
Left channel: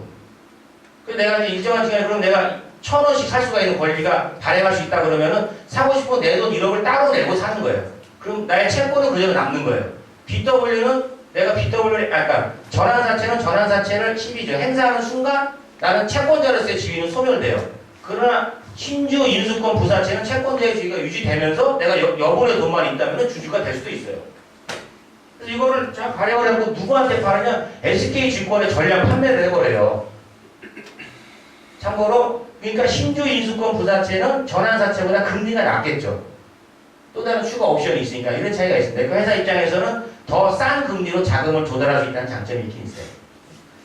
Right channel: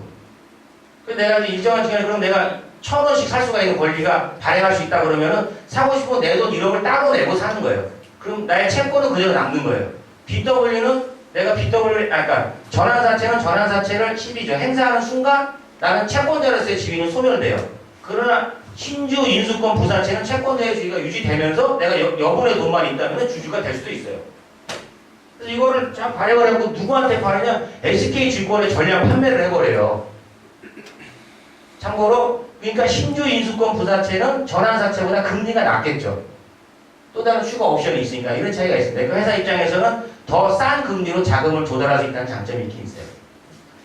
그래서 내가 이제 일정한 시간에 그럼 내가 1,000원씩 살 수가 있는 권리가 발행할 수 있다 그러면은 사고 싶으면 내 돈 1억을 따로 내고 사는 거예요. 그럼 나의 채권은 그대로 남는 거예요. BW는 내가 그러니까 전환사채는 전환사채를 시비죠. 행사하는 순간 나는 채권자로서의 지위는 소멸돼요. 그러나 신주 인수권 부사채는 채권자의 지위가 유지되면서 내가 여분의 돈만 있다면 주주가 될 수도 있어요. 그래서 이거를 참 발행을 해보고 누구한테 파느냐? SK증권에 전량 판매를 해버려요. 참고로 그러니까 신주 인수권 부사채는 전환사채보다 금리가 낮겠죠. 또 다른 추가 옵션이 있으니까 이런 차이가 있습니다. 그 회사 입장에서는 더 싼 금리로 자금을 조달할 수 있다는 장점이 있긴 있어요.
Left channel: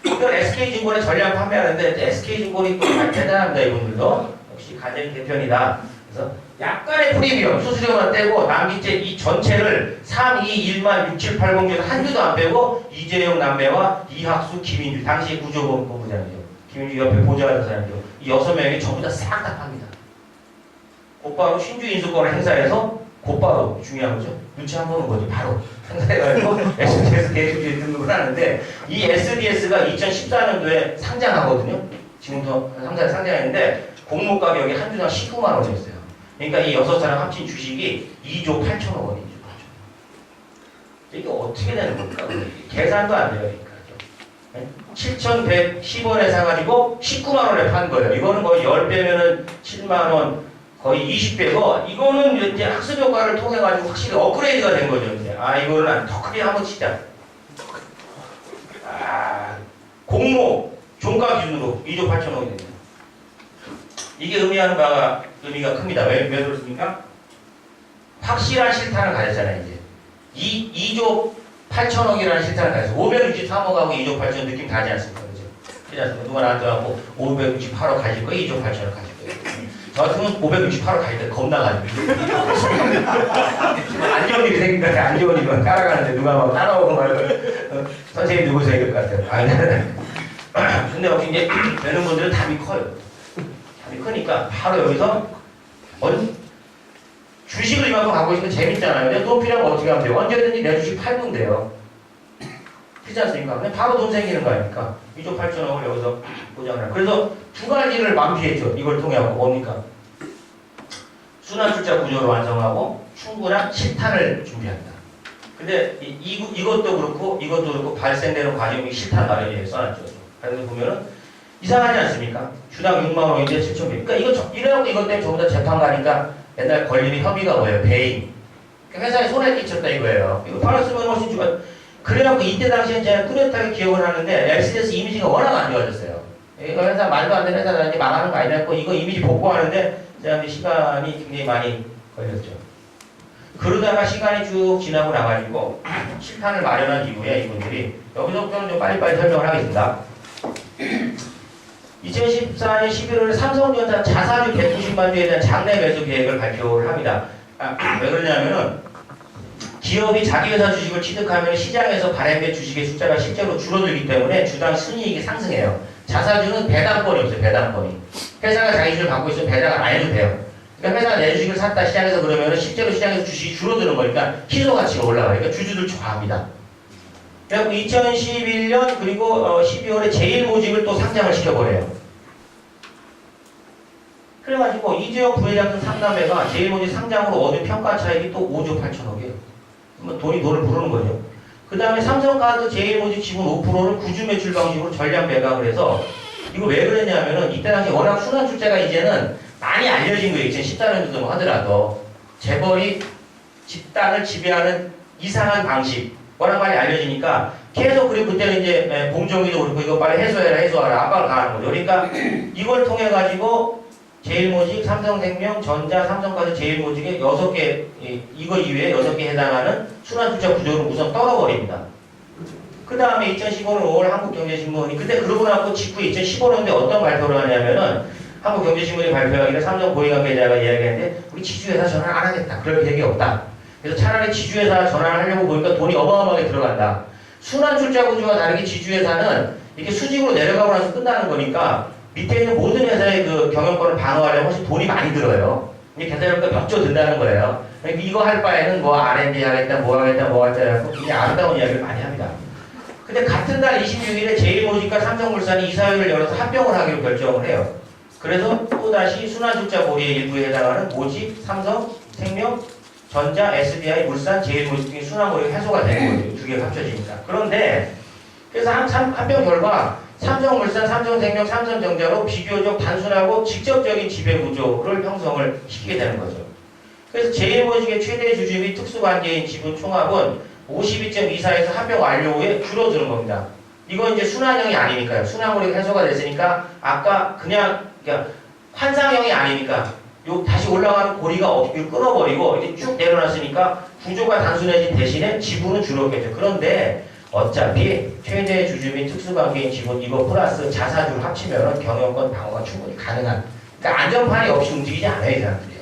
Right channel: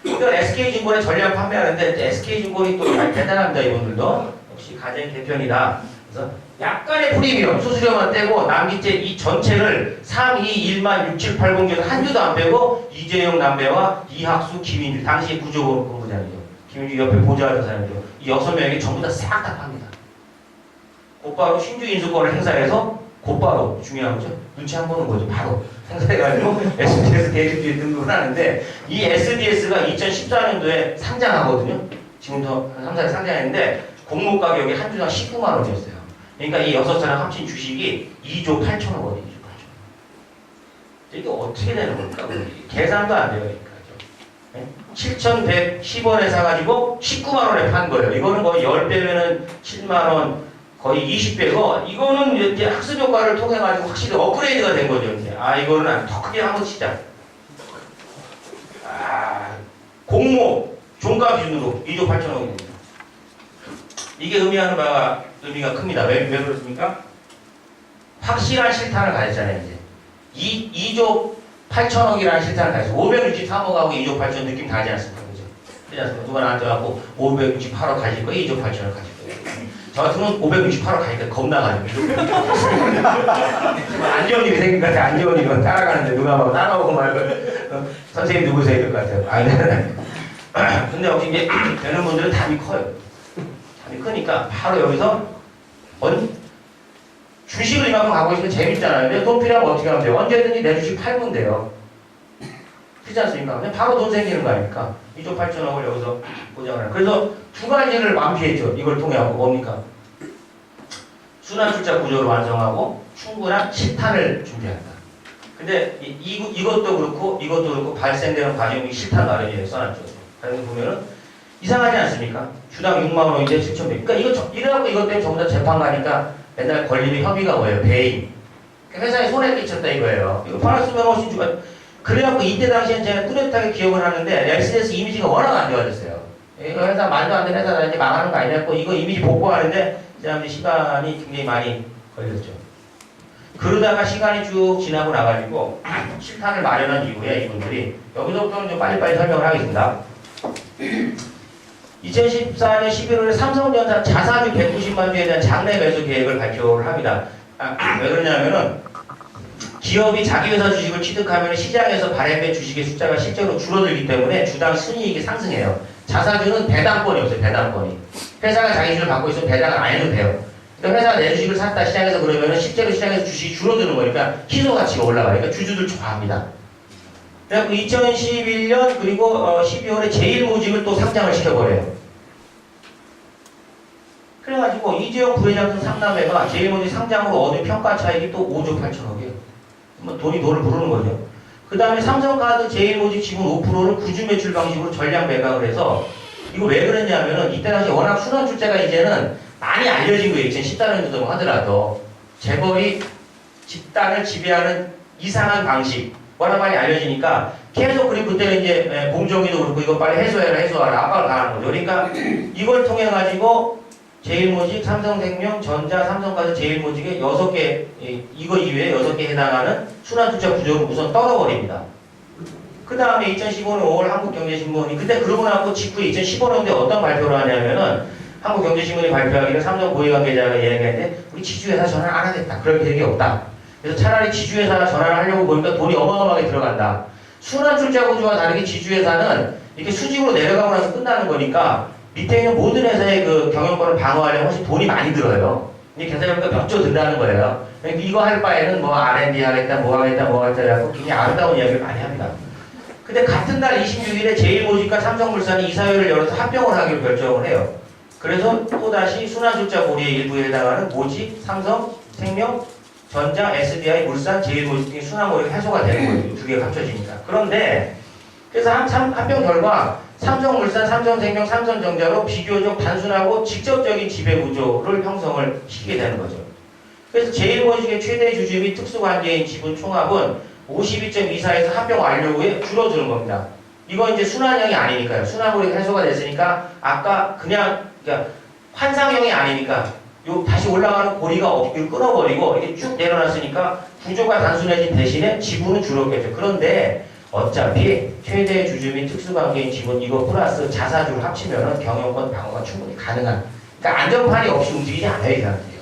이건 SK증권에 전량 판매하는데 SK증권이 또 대단합니다. 이분들도 역시 가정의 개편이다. 그래서 약간의 프리미엄 수수료만 떼고 남기째 이 전체를 3, 2, 1만 6, 7, 8, 0 중에서 한 주도 안 빼고 이재용 남매와 이학수, 김인주 당시 구조본부장이죠. 김인주 옆에 보좌하던 사람이죠. 이 6명이 전부 다 싹 다 팝니다. 곧바로 신주 인수권을 행사해서 곧바로 중요한 거죠. 눈치 안 보는 거죠. 바로 행사해가지고 SDS 개입주에 등록을 하는데 이 SDS가 2014년도에 상장하거든요. 지금도 상장에 상장했는데 공모 가격이 한 주당 19만 원이었어요. 그러니까 이 6사람 합친 주식이 2조 8천억 원이죠. 이게 어떻게 되는 겁니까? 계산도 안 돼요. 그러니까. 7,110원에 사가지고 19만 원에 판 거예요. 이거는 거의 10배면은 7만 원, 거의 20배고, 이거는 이제 학습 효과를 통해가지고 확실히 업그레이드가 된 거죠. 이제. 이거는 더 크게 한번 치자. 공모, 종가 기준으로 2조 8천억이 됩니다. 이게 의미하는 바가 의미가 큽니다. 왜 그렇습니까? 확실한 실탄을 가졌잖아요, 이제. 2조 8천억이라는 실탄을 가졌어요. 563억하고 2조 8천 느낌 다르지 않습니까? 그죠? 그렇지 않습니까? 누가 나한테 와서 568억 가질 거예요, 2조 8천억 가질 거예요. 저 같으면 568억 가질 때 겁나가지고. 안정일이 생긴 것 같아요. 안정일이 따라가는데 누가 막 따라오고 말고. 선생님 누구세요? 이럴 것 같아요. 근데 혹시 이제 되는 분들은 답이 커요. 크니까 바로 여기서 주식을 이만큼 갖고 있으면 재밌잖아요. 근데 돈 필요하면 어떻게 하면 돼요? 언제든지 내 주식 팔면 돼요. 그렇지 않습니까? 근데 바로 돈 생기는 거 아닙니까? 2조 8천억을 여기서 보장을 해요. 그래서 두 가지를 만피했죠. 이걸 통해 갖고 뭡니까? 순환출자 구조를 완성하고 충분한 실탄을 준비한다. 근데 이것도 그렇고 발생되는 과정이 실탄 마련이에요. 써놨죠. 그래서 보면은 이상하지 않습니까? 주당 6만 원인데 7,100. 그러니까 이래갖고 이것 때문에 전부 다 재판 가니까 맨날 걸리는 혐의가 뭐예요? 배임. 그러니까 회사에 손해 끼쳤다 이거예요. 이거 팔았으면 훨씬 좋아. 그래갖고 이때 당시엔 제가 뚜렷하게 기억을 하는데 SDS 이미지가 워낙 안 좋아졌어요. 이거 회사 말도 안 되는 회사다 이제 망하는 거 아니냐고 이거 이미지 복구하는데 제가 이제 시간이 굉장히 많이 걸렸죠. 그러다가 시간이 쭉 지나고 나가지고 실탄을 마련한 이후에 이분들이 여기서부터는 좀 빨리빨리 설명을 하겠습니다. 2014년 11월에 삼성전자 자사주 190만 주에 대한 장내 매수 계획을 발표를 합니다. 왜 그러냐면은 기업이 자기 회사 주식을 취득하면 시장에서 발행된 주식의 숫자가 실제로 줄어들기 때문에 주당 순이익이 상승해요. 자사주는 배당권이 없어요. 배당권이. 회사가 자기 주식을 갖고 있으면 배당을 안 해도 돼요. 그러니까 회사가 내 주식을 샀다 시장에서 그러면은 실제로 시장에서 주식이 줄어드는 거니까 희소 가치가 올라가요. 그러니까 주주들 좋아합니다. 그리고 2011년 그리고 12월에 제일모직을 또 상장을 시켜버려요. 그래가지고 이재용 부회장 등 3남매가 제일모직 상장으로 얻은 평가 차익이 또 5조 8천억이에요. 돈을 부르는 거죠. 그 다음에 삼성카드 제일모직 지분 5%를 구주 매출 방식으로 전량 매각을 해서 이거 왜 그랬냐면은 이때 당시 워낙 순환출자가 이제는 많이 알려진 거예요. 2014년도도 하더라도 재벌이 집단을 지배하는 이상한 방식 워낙 많이 알려지니까 계속 그리고 그때는 이제 봉정이도 그렇고 이거 빨리 해소하라 압박을 가하는 거죠. 그러니까 이걸 통해 가지고 제일모직, 삼성생명, 전자, 삼성카드 제일모직의 6개 이거 이외에 6개 해당하는 순환투자 구조를 우선 떨어버립니다. 그 다음에 2015년 5월 한국경제신문이 그때 그러고 나고 직후에 2015년도에 어떤 발표를 하냐면은 한국경제신문이 발표하기를 삼성 고위관계자가 이야기하는데 우리 지주회사 전환 안 하겠다. 그럴 계획이 없다. 그래서 차라리 지주회사 전환을 하려고 보니까 돈이 어마어마하게 들어간다. 순환출자 구조와 다르게 지주회사는 이렇게 수직으로 내려가고 나서 끝나는 거니까 밑에 있는 모든 회사의 그 경영권을 방어하려면 훨씬 돈이 많이 들어요. 이게 계산해보니까 몇 조 든다는 거예요. 그러니까 이거 할 바에는 뭐 R&D 하겠다, 뭐 하겠다, 뭐 하겠다 해서 그냥 아름다운 이야기를 많이 합니다. 근데 같은 날 26일에 제일모직과 삼성물산이 이사회를 열어서 합병을 하기로 결정을 해요. 그래서 또다시 순환출자 고리의 일부에 해당하는 모직, 삼성, 생명, 전자, SDI, 물산, 제일모직 등의 순환고리가 해소가 되는 거죠. 두 개가 합쳐지니까. 그런데 그래서 합병 결과 삼성물산, 삼성생명, 삼성전자로 비교적 단순하고 직접적인 지배구조를 형성을 시키게 되는 거죠. 그래서 제일모직의 최대 주주 및 특수관계인 지분 총합은 52.24에서 합병 완료 후에 줄어드는 겁니다. 이건 이제 순환형이 아니니까요. 순환고리가 해소가 됐으니까 아까 그러니까 환상형이 아니니까 요 다시 올라가는 고리가 어떻게 끊어버리고 이렇게 쭉 내려놨으니까 구조가 단순해진 대신에 지분은 줄었겠죠. 그런데 어차피 최대 주주 및 특수관계인 지분 이거 플러스 자사주를 합치면 경영권 방어가 충분히 가능한 그러니까 안전판이 없이 움직이지 않아요. 이 사람들이요.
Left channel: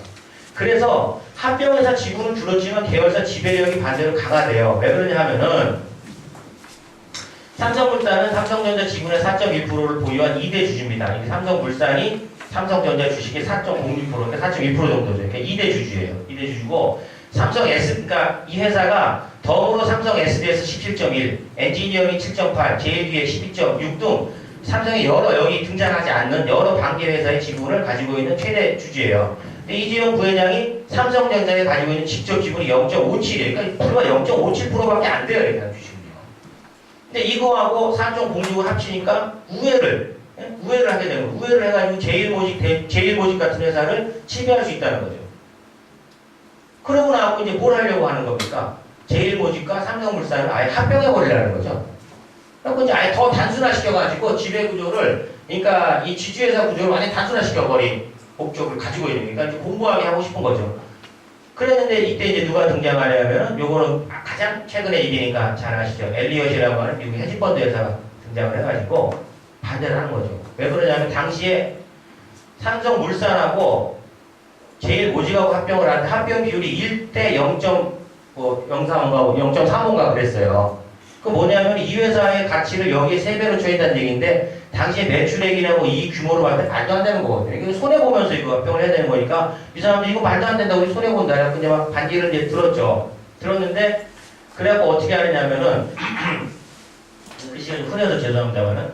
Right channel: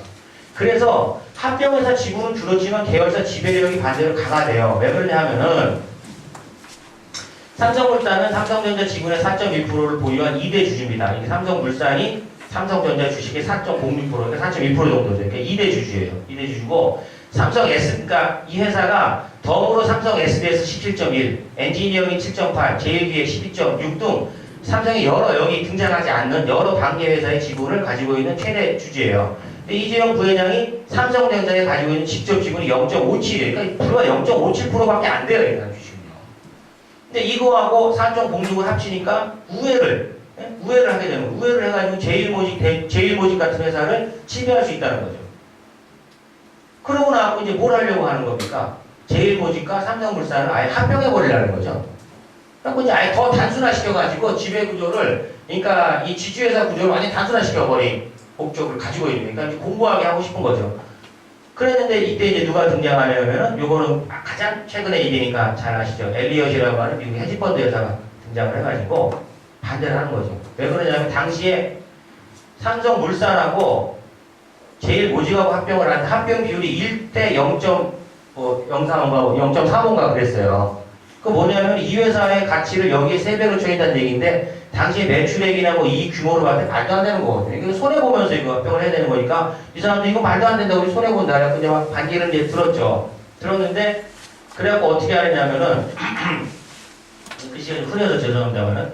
그래서 합병회사 지분은 줄었지만 계열사 지배력이 반대로 강화돼요. 왜 그러냐 하면은 삼성물산은 삼성전자 지분의 4.1%를 보유한 2대 주주입니다. 이게 삼성물산이 삼성전자 주식의 4.06% 그러니까 4.1% 정도죠. 그러니까 2대 주주예요. 2대 주주고 삼성 S 그러니까 이 회사가 덤으로 삼성 SDS 17.1, 엔지니어링 7.8, 제일기획 12.6 등 삼성의 여러 여기 등장하지 않는 여러 관계 회사의 지분을 가지고 있는 최대 주주예요. 근데 이재용 부회장이 삼성전자에 가지고 있는 직접 지분이 0.57이에요. 그러니까 불과 0.57%밖에 안 돼요. 일단 주식은요. 근데 이거하고 4.06을 합치니까 우회를 하게 되는 거예요. 우회를 해가지고 제일모직 같은 회사를 지배할 수 있다는 거죠. 그러고 나서 이제 뭘 하려고 하는 겁니까? 제일모직과 삼성물산을 아예 합병해버리려는 거죠. 그래서 이제 아예 더 단순화시켜가지고 지배구조를, 그러니까 이 지주회사 구조를 완전히 단순화시켜버린 목적을 가지고 있는 거니까 이제 공부하게 하고 싶은 거죠. 그랬는데 이때 이제 누가 등장하냐면 요거는 가장 최근의 일이니까 잘 아시죠. 엘리엇이라고 하는 미국 헤지펀드 회사가 등장을 해가지고 반대를 하는 거죠. 왜 그러냐면 당시에 삼성물산하고 제일모직하고 합병을 하는데 합병 비율이 1대 0.03인가 0.35인가 그랬어요. 그 뭐냐면 이 회사의 가치를 여기에 3배로 쳐있다는 얘기인데 당시에 매출액이나 뭐 이 규모로 봤을 때 말도 안 되는 거거든요. 이거 손해보면서 이거 합병을 해야 되는 거니까 이 사람도 이거 말도 안 된다고 손해본다. 근데 막 반기를 이제 들었죠. 들었는데 그래갖고 어떻게 하느냐면은 글씨가 좀 흐려서 죄송합니다만은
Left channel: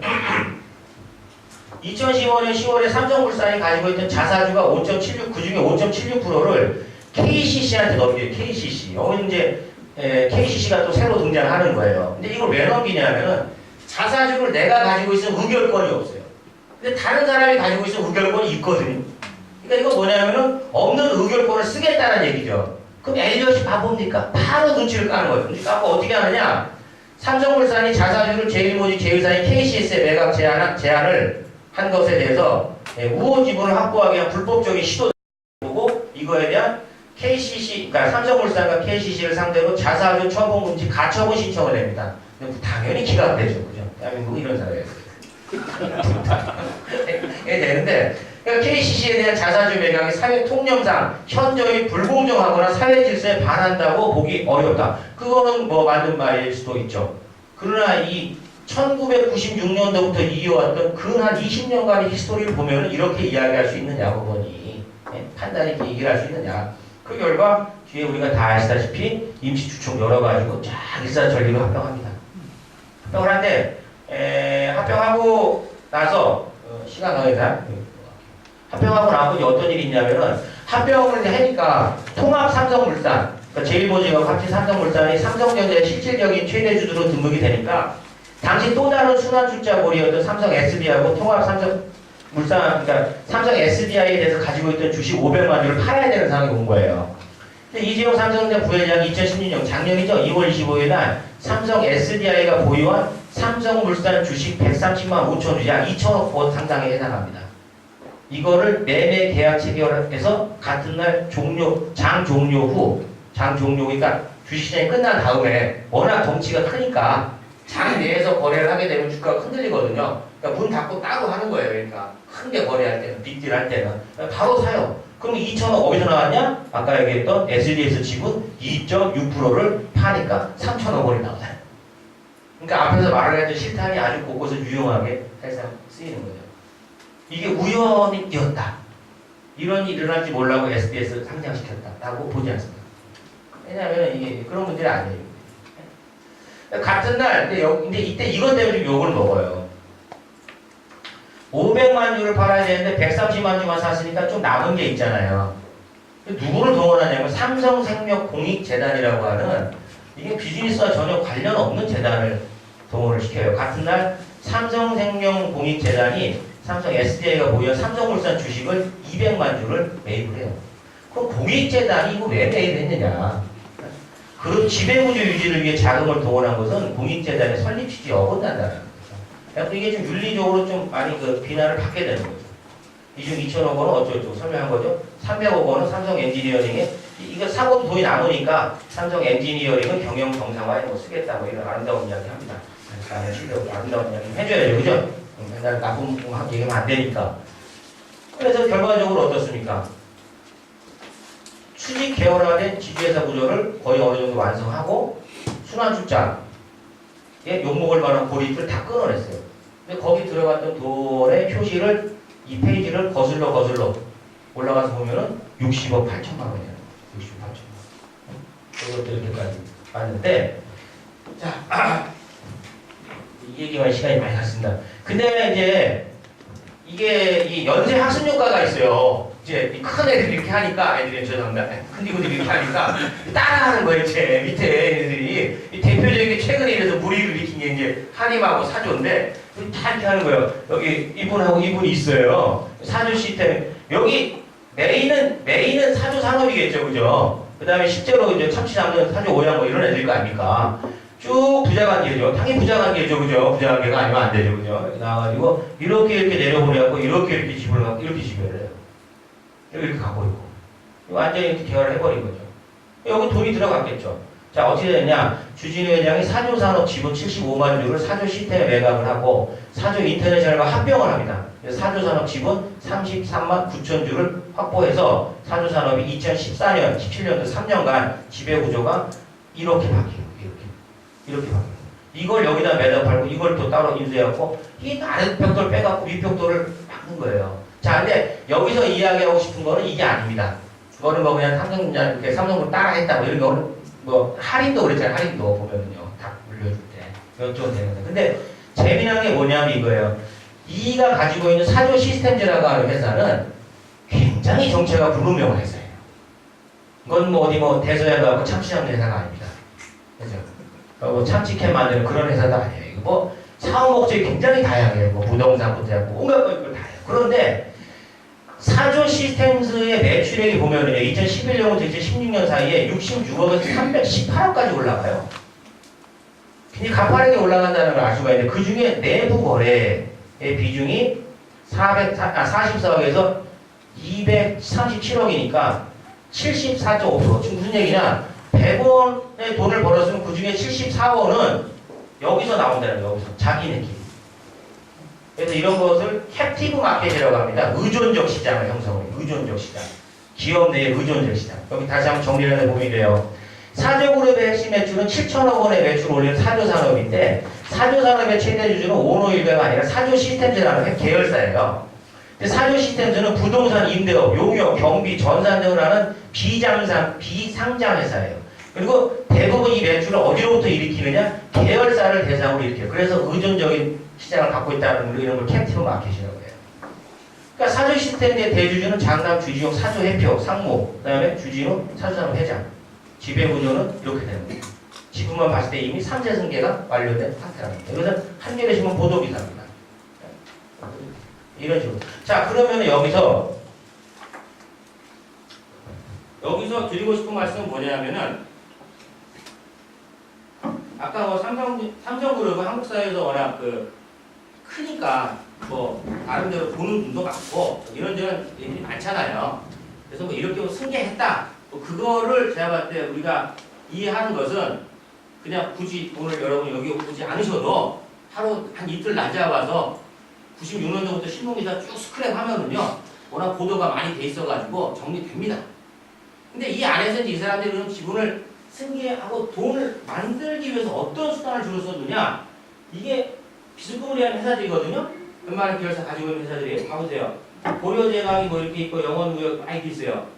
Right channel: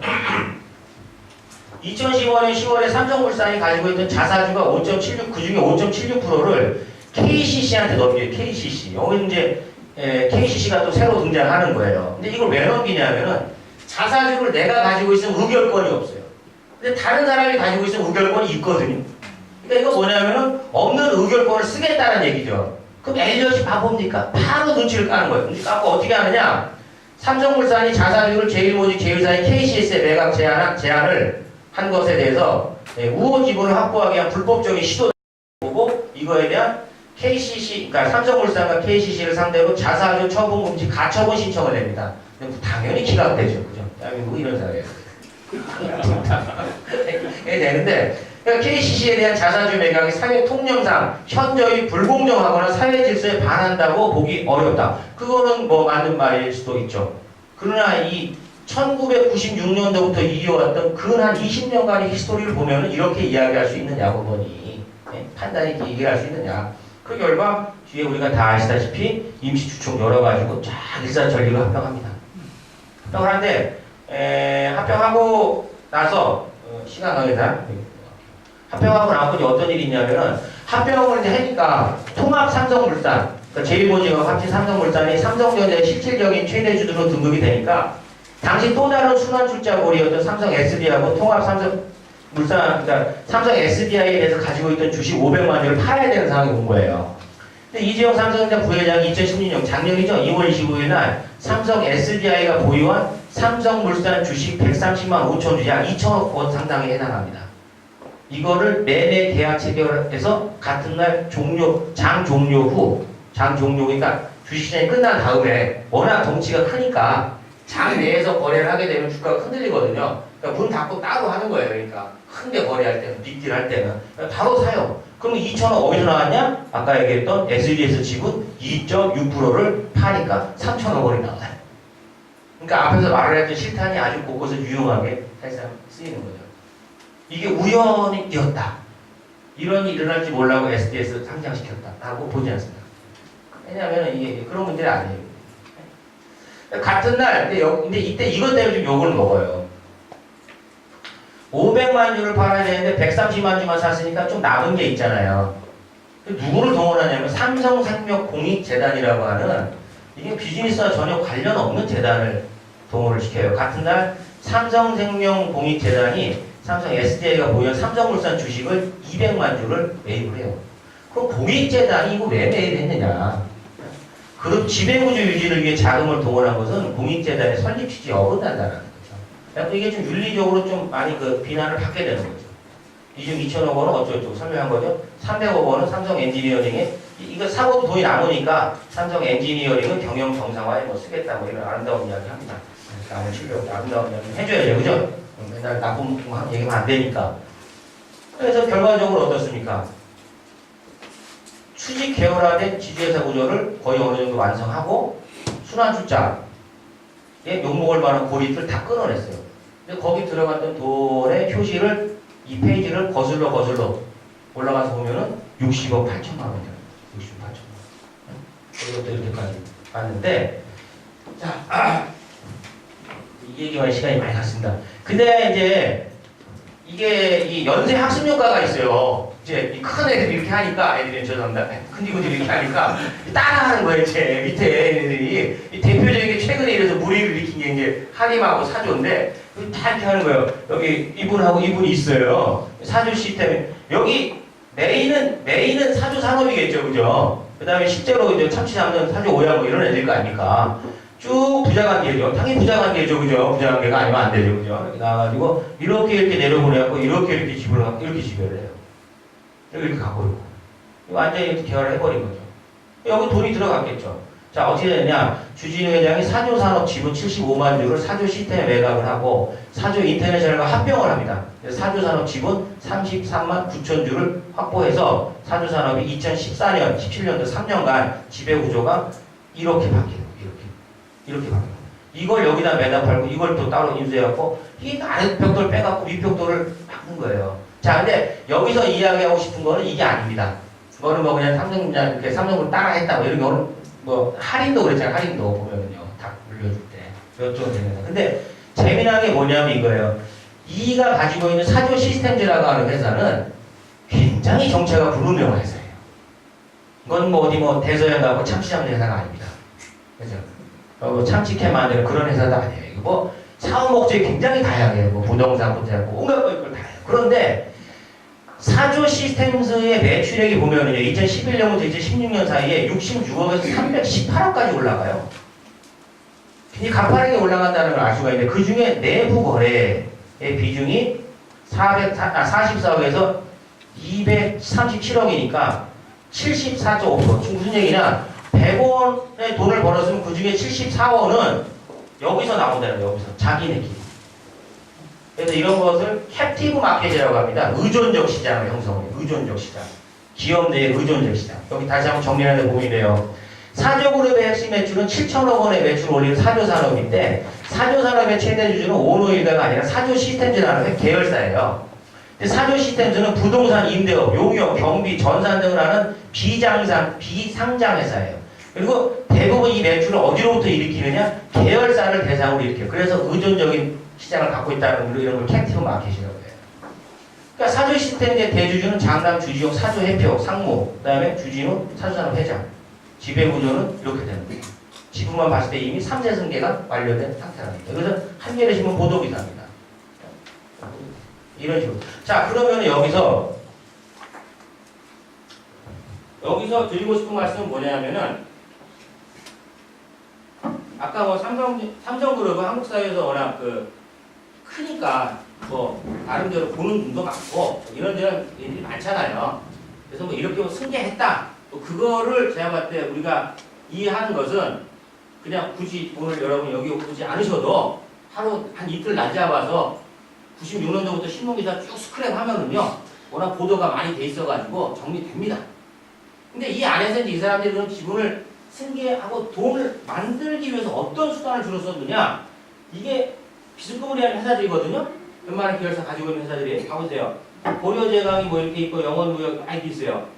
2015년 10월에 삼성물산이 가지고 있던 자사주가 5.76, 그 중에 5.76%를 KCC한테 넘겨요. KCC. 여기 이제 KCC가 또 새로 등장하는 거예요. 근데 이걸 왜 넘기냐면은 자사주를 내가 가지고 있으면 의결권이 없어요. 근데 다른 사람이 가지고 있으면 의결권이 있거든요. 그러니까 이거 뭐냐면은 없는 의결권을 쓰겠다는 얘기죠. 그럼 엘리엇이 바보입니까? 바로 눈치를 까는 거예요. 눈치 까고 어떻게 하느냐? 삼성물산이 자사주를 제일모직 제휴사인 KCS에 매각 제한을 한 것에 대해서 우호 지분을 확보하기 위한 불법적인 시도를 보고 이거에 대한 KCC, 그러니까 삼성물산과 KCC를 상대로 자사주 처분 금지 가처분 신청을 냅니다. 당연히 기각되죠, 그죠? 대한민국 이런 사회에서 되는데 그러니까 KCC에 대한 자사주 매각이 사회 통념상 현저히 불공정하거나 사회 질서에 반한다고 보기 어렵다. 그거는 뭐 맞는 말일 수도 있죠. 그러나 이 1996년도부터 이어왔던 근 한 20년간의 히스토리를 보면 이렇게 이야기할 수 있느냐고 보니 판단이 이렇게 얘기할 수 있느냐. 그 결과 뒤에 우리가 다 아시다시피 임시주총 열어가지고 쫙 일사천리로 합병합니다. 합병을 하는데 합병하고 나서 시간 관계상 합병하고 나서 이제 어떤 일이 있냐면은 합병을 이제 하니까 통합 삼성물산 그러니까 제1모직하고 합친 삼성물산이 삼성전자의 실질적인 최대주주로 등극이 되니까 당시 또 다른 순환출자거래였던 삼성 SDI하고 통합 삼성물산, 그러니까 삼성 SDI에 대해서 가지고 있던 주식 500만 주를 팔아야 되는 상황이 온 거예요. 근데 이재용 삼성전자 부회장이 2016년 작년이죠. 2월 25일 날 삼성 SDI가 보유한 삼성물산 주식 130만 5천 주, 약 2천억 원 상당에 해당합니다. 이거를 매매 계약 체결해서 같은 날 장 종료, 그러니까 주식시장이 끝난 다음에 워낙 덩치가 크니까 장 내에서 거래를 하게 되면 주가가 흔들리거든요. 그러니까 문 닫고 따로 하는 거예요. 그러니까 큰 게 거래할 때는, 빅딜 할 때는. 바로 사요. 그럼 2천억 어디서 나왔냐? 아까 얘기했던 SD에서 지분 2.6%를 파니까 3천억 원이 나와요. 그러니까 앞에서 말을 했던 실탄이 아주 곳곳에 유용하게 사실상 쓰이는 거죠. 이게 우연이었다. 이런 일이 일어날지 몰라고 SDS 상장시켰다라고 보지 않습니다. 왜냐하면 이게 그런 문제는 아니에요. 같은 날, 근데 이때 이것 때문에 좀 욕을 먹어요. 500만 주를 팔아야 되는데 130만 주만 샀으니까 좀 남은 게 있잖아요. 누구를 동원하냐면 삼성생명 공익재단이라고 하는 이게 비즈니스와 전혀 관련 없는 재단을 동원을 시켜요. 같은 날 삼성생명 공익재단이 삼성 SDI가 보유한 삼성물산 주식을 200만 주를 매입을 해요. 그럼 공익재단이 이거 왜 매입했느냐? 그런 지배구조 유지를 위해 자금을 동원한 것은 공익재단의 설립 취지에 어긋난다는 거죠. 이게 좀 윤리적으로 좀 많이 그 비난을 받게 되는 거죠. 이 중 2천억 원은 어쩌고저쩌고 설명한 거죠. 300억 원은 삼성 엔지니어링에 이거 사고도 돈이 남으니까 삼성 엔지니어링은 경영 정상화에 뭐 쓰겠다 뭐 이런 아름다운 이야기 합니다. 다음에 실력 아름다운 이야기 해줘야죠, 그죠? 맨날 나쁜 얘기하면 안 되니까. 그래서 결과적으로 어떻습니까? 수직 계열화된 지주회사 구조를 거의 어느 정도 완성하고 순환출자에 욕먹을 만한 고리들 다 끊어냈어요. 근데 거기 들어갔던 돈의 표시를 이 페이지를 거슬러 올라가서 보면은 60억 8천만 원이에요. 60억 8천만 원. 그것도 이렇게까지 봤는데, 자, 이 얘기만 시간이 많이 갔습니다. 근데 이제 이게 이 연쇄 학습효과가 있어요. 이제 큰 애들이 이렇게 하니까 아이들이 죄송합니다. 큰 친구들이 이렇게 하니까 따라하는 거예요. 제 밑에 애들이 대표적인 최근에 이래서 무리를 일으킨 게 이제 한림하고 사조인데 다 이렇게 하는 거예요. 여기 이분하고 이분이 있어요. 사조 시스템 여기 메인은 사조 산업이겠죠, 그죠? 그 다음에 실제로 이제 참치 잡는 사조 오양 뭐 이런 애들일 거 아닙니까? 쭉 부자관계죠. 당연히 부자관계죠, 그죠? 부자관계가 아니면 안 되죠, 그죠? 이렇게 나와가지고 이렇게 내려보내갖고 이렇게 집어를 하고 이렇게 지배를 해요. 이렇게 가고 있고. 완전히 이렇게 계열을 해버린 거죠. 여기 돈이 들어갔겠죠. 자, 어떻게 되느냐. 주진우 회장이 사조산업 지분 75만 주를 사조 시스템에 매각을 하고 사조 인터내셔널과 합병을 합니다. 그래서 사조산업 지분 33만 9천 주를 확보해서 사조산업이 2014년, 17년도 3년간 지배구조가 이렇게 바뀌어요. 이렇게 바뀌어요. 이걸 여기다 매달 팔고 이걸 또 따로 인수해갖고 이 아래 벽돌 빼갖고 윗 벽돌을 막는 거예요. 자, 근데 여기서 이야기하고 싶은 거는 이게 아닙니다. 그거는 뭐 그냥 삼성을 따라했다 뭐 이런 거는 뭐 할인도 그랬잖아요. 할인도 보면은요. 다 물려줄 때 이쪽은 되는데. 근데 재미난 게 뭐냐면 이거예요. 이가 가지고 있는 사조 시스템즈라고 하는 회사는 굉장히 정체가 불분명한 회사예요. 이건 뭐 어디 뭐 대서양 가고 참치 잡는 회사가 아닙니다. 그죠? 뭐 참치캔 만드는 그런 회사도 아니에요. 이거 뭐 사업 목적이 굉장히 다양해요. 뭐 부동산부터 해갖고 온갖 걸 다 해요. 그런데 사조 시스템즈의 매출액이 보면은요, 2011년부터 2016년 사이에 66억에서 318억까지 올라가요. 굉장히 가파르게 올라간다는 걸 알 수가 있는데, 그 중에 내부 거래의 비중이 44억에서 237억이니까 74.5%. 지금 무슨 얘기냐? 100원의 돈을 벌었으면 그 중에 74원은 여기서 나온다는 거예요. 여기서. 자기네끼리. 그래서 이런 것을 캡티브 마켓이라고 합니다. 의존적 시장을 형성해요. 의존적 시장. 기업 내의 의존적 시장. 여기 다시 한번 정리하는 보이네요. 사조그룹의 핵심 매출은 7천억 원의 매출을 올리는 사조산업인데 사조산업의 최대 주주는 오노일가가 아니라 사조시스템즈라는 계열사예요. 근데 사조시스템즈는 부동산 임대업, 용역, 경비, 전산 등을 하는 비상장 회사예요. 그리고 대부분 이 매출을 어디로부터 일으키느냐? 계열사를 대상으로 일으켜요. 그래서 의존적인 시장을 갖고 있다는 이런 걸 캡티브 마켓이라고 해요. 그러니까 사조 시스템의 대주주는 장남 주지용 사조 해표 상무, 그 다음에 주진우 사조산업 회장. 지배구조는 이렇게 되는 거예요. 지금만 봤을 때 이미 3세 승계가 완료된 상태랍니다. 이것은 한겨레 신문 보도기사입니다. 이런 식으로. 자, 그러면 여기서 드리고 싶은 말씀은 뭐냐면은 아까 뭐 삼성그룹은 한국 사회에서 워낙 크니까 뭐 나름대로 보는 눈도 많고 이런 데는 일이 많잖아요. 그래서 뭐 이렇게 뭐 승계했다. 뭐 그거를 제가 봤을 때 우리가 이해하는 것은 그냥 굳이 오늘 여러분 여기 오지 않으셔도 하루 한 이틀 낮잡아서 96년도부터 신문기사 쭉 스크랩하면은요 워낙 보도가 많이 돼 있어가지고 정리됩니다. 근데 이 안에서 이제 이 사람들이 그런 기분을 승계하고 돈을 만들기 위해서 어떤 수단을 주로 썼느냐? 이게 비스코리한 회사들이거든요. 웬만한 계열사 가지고 있는 회사들이 봐보세요. 고려제강이 뭐 이렇게 있고 영원무역 많이 있어요.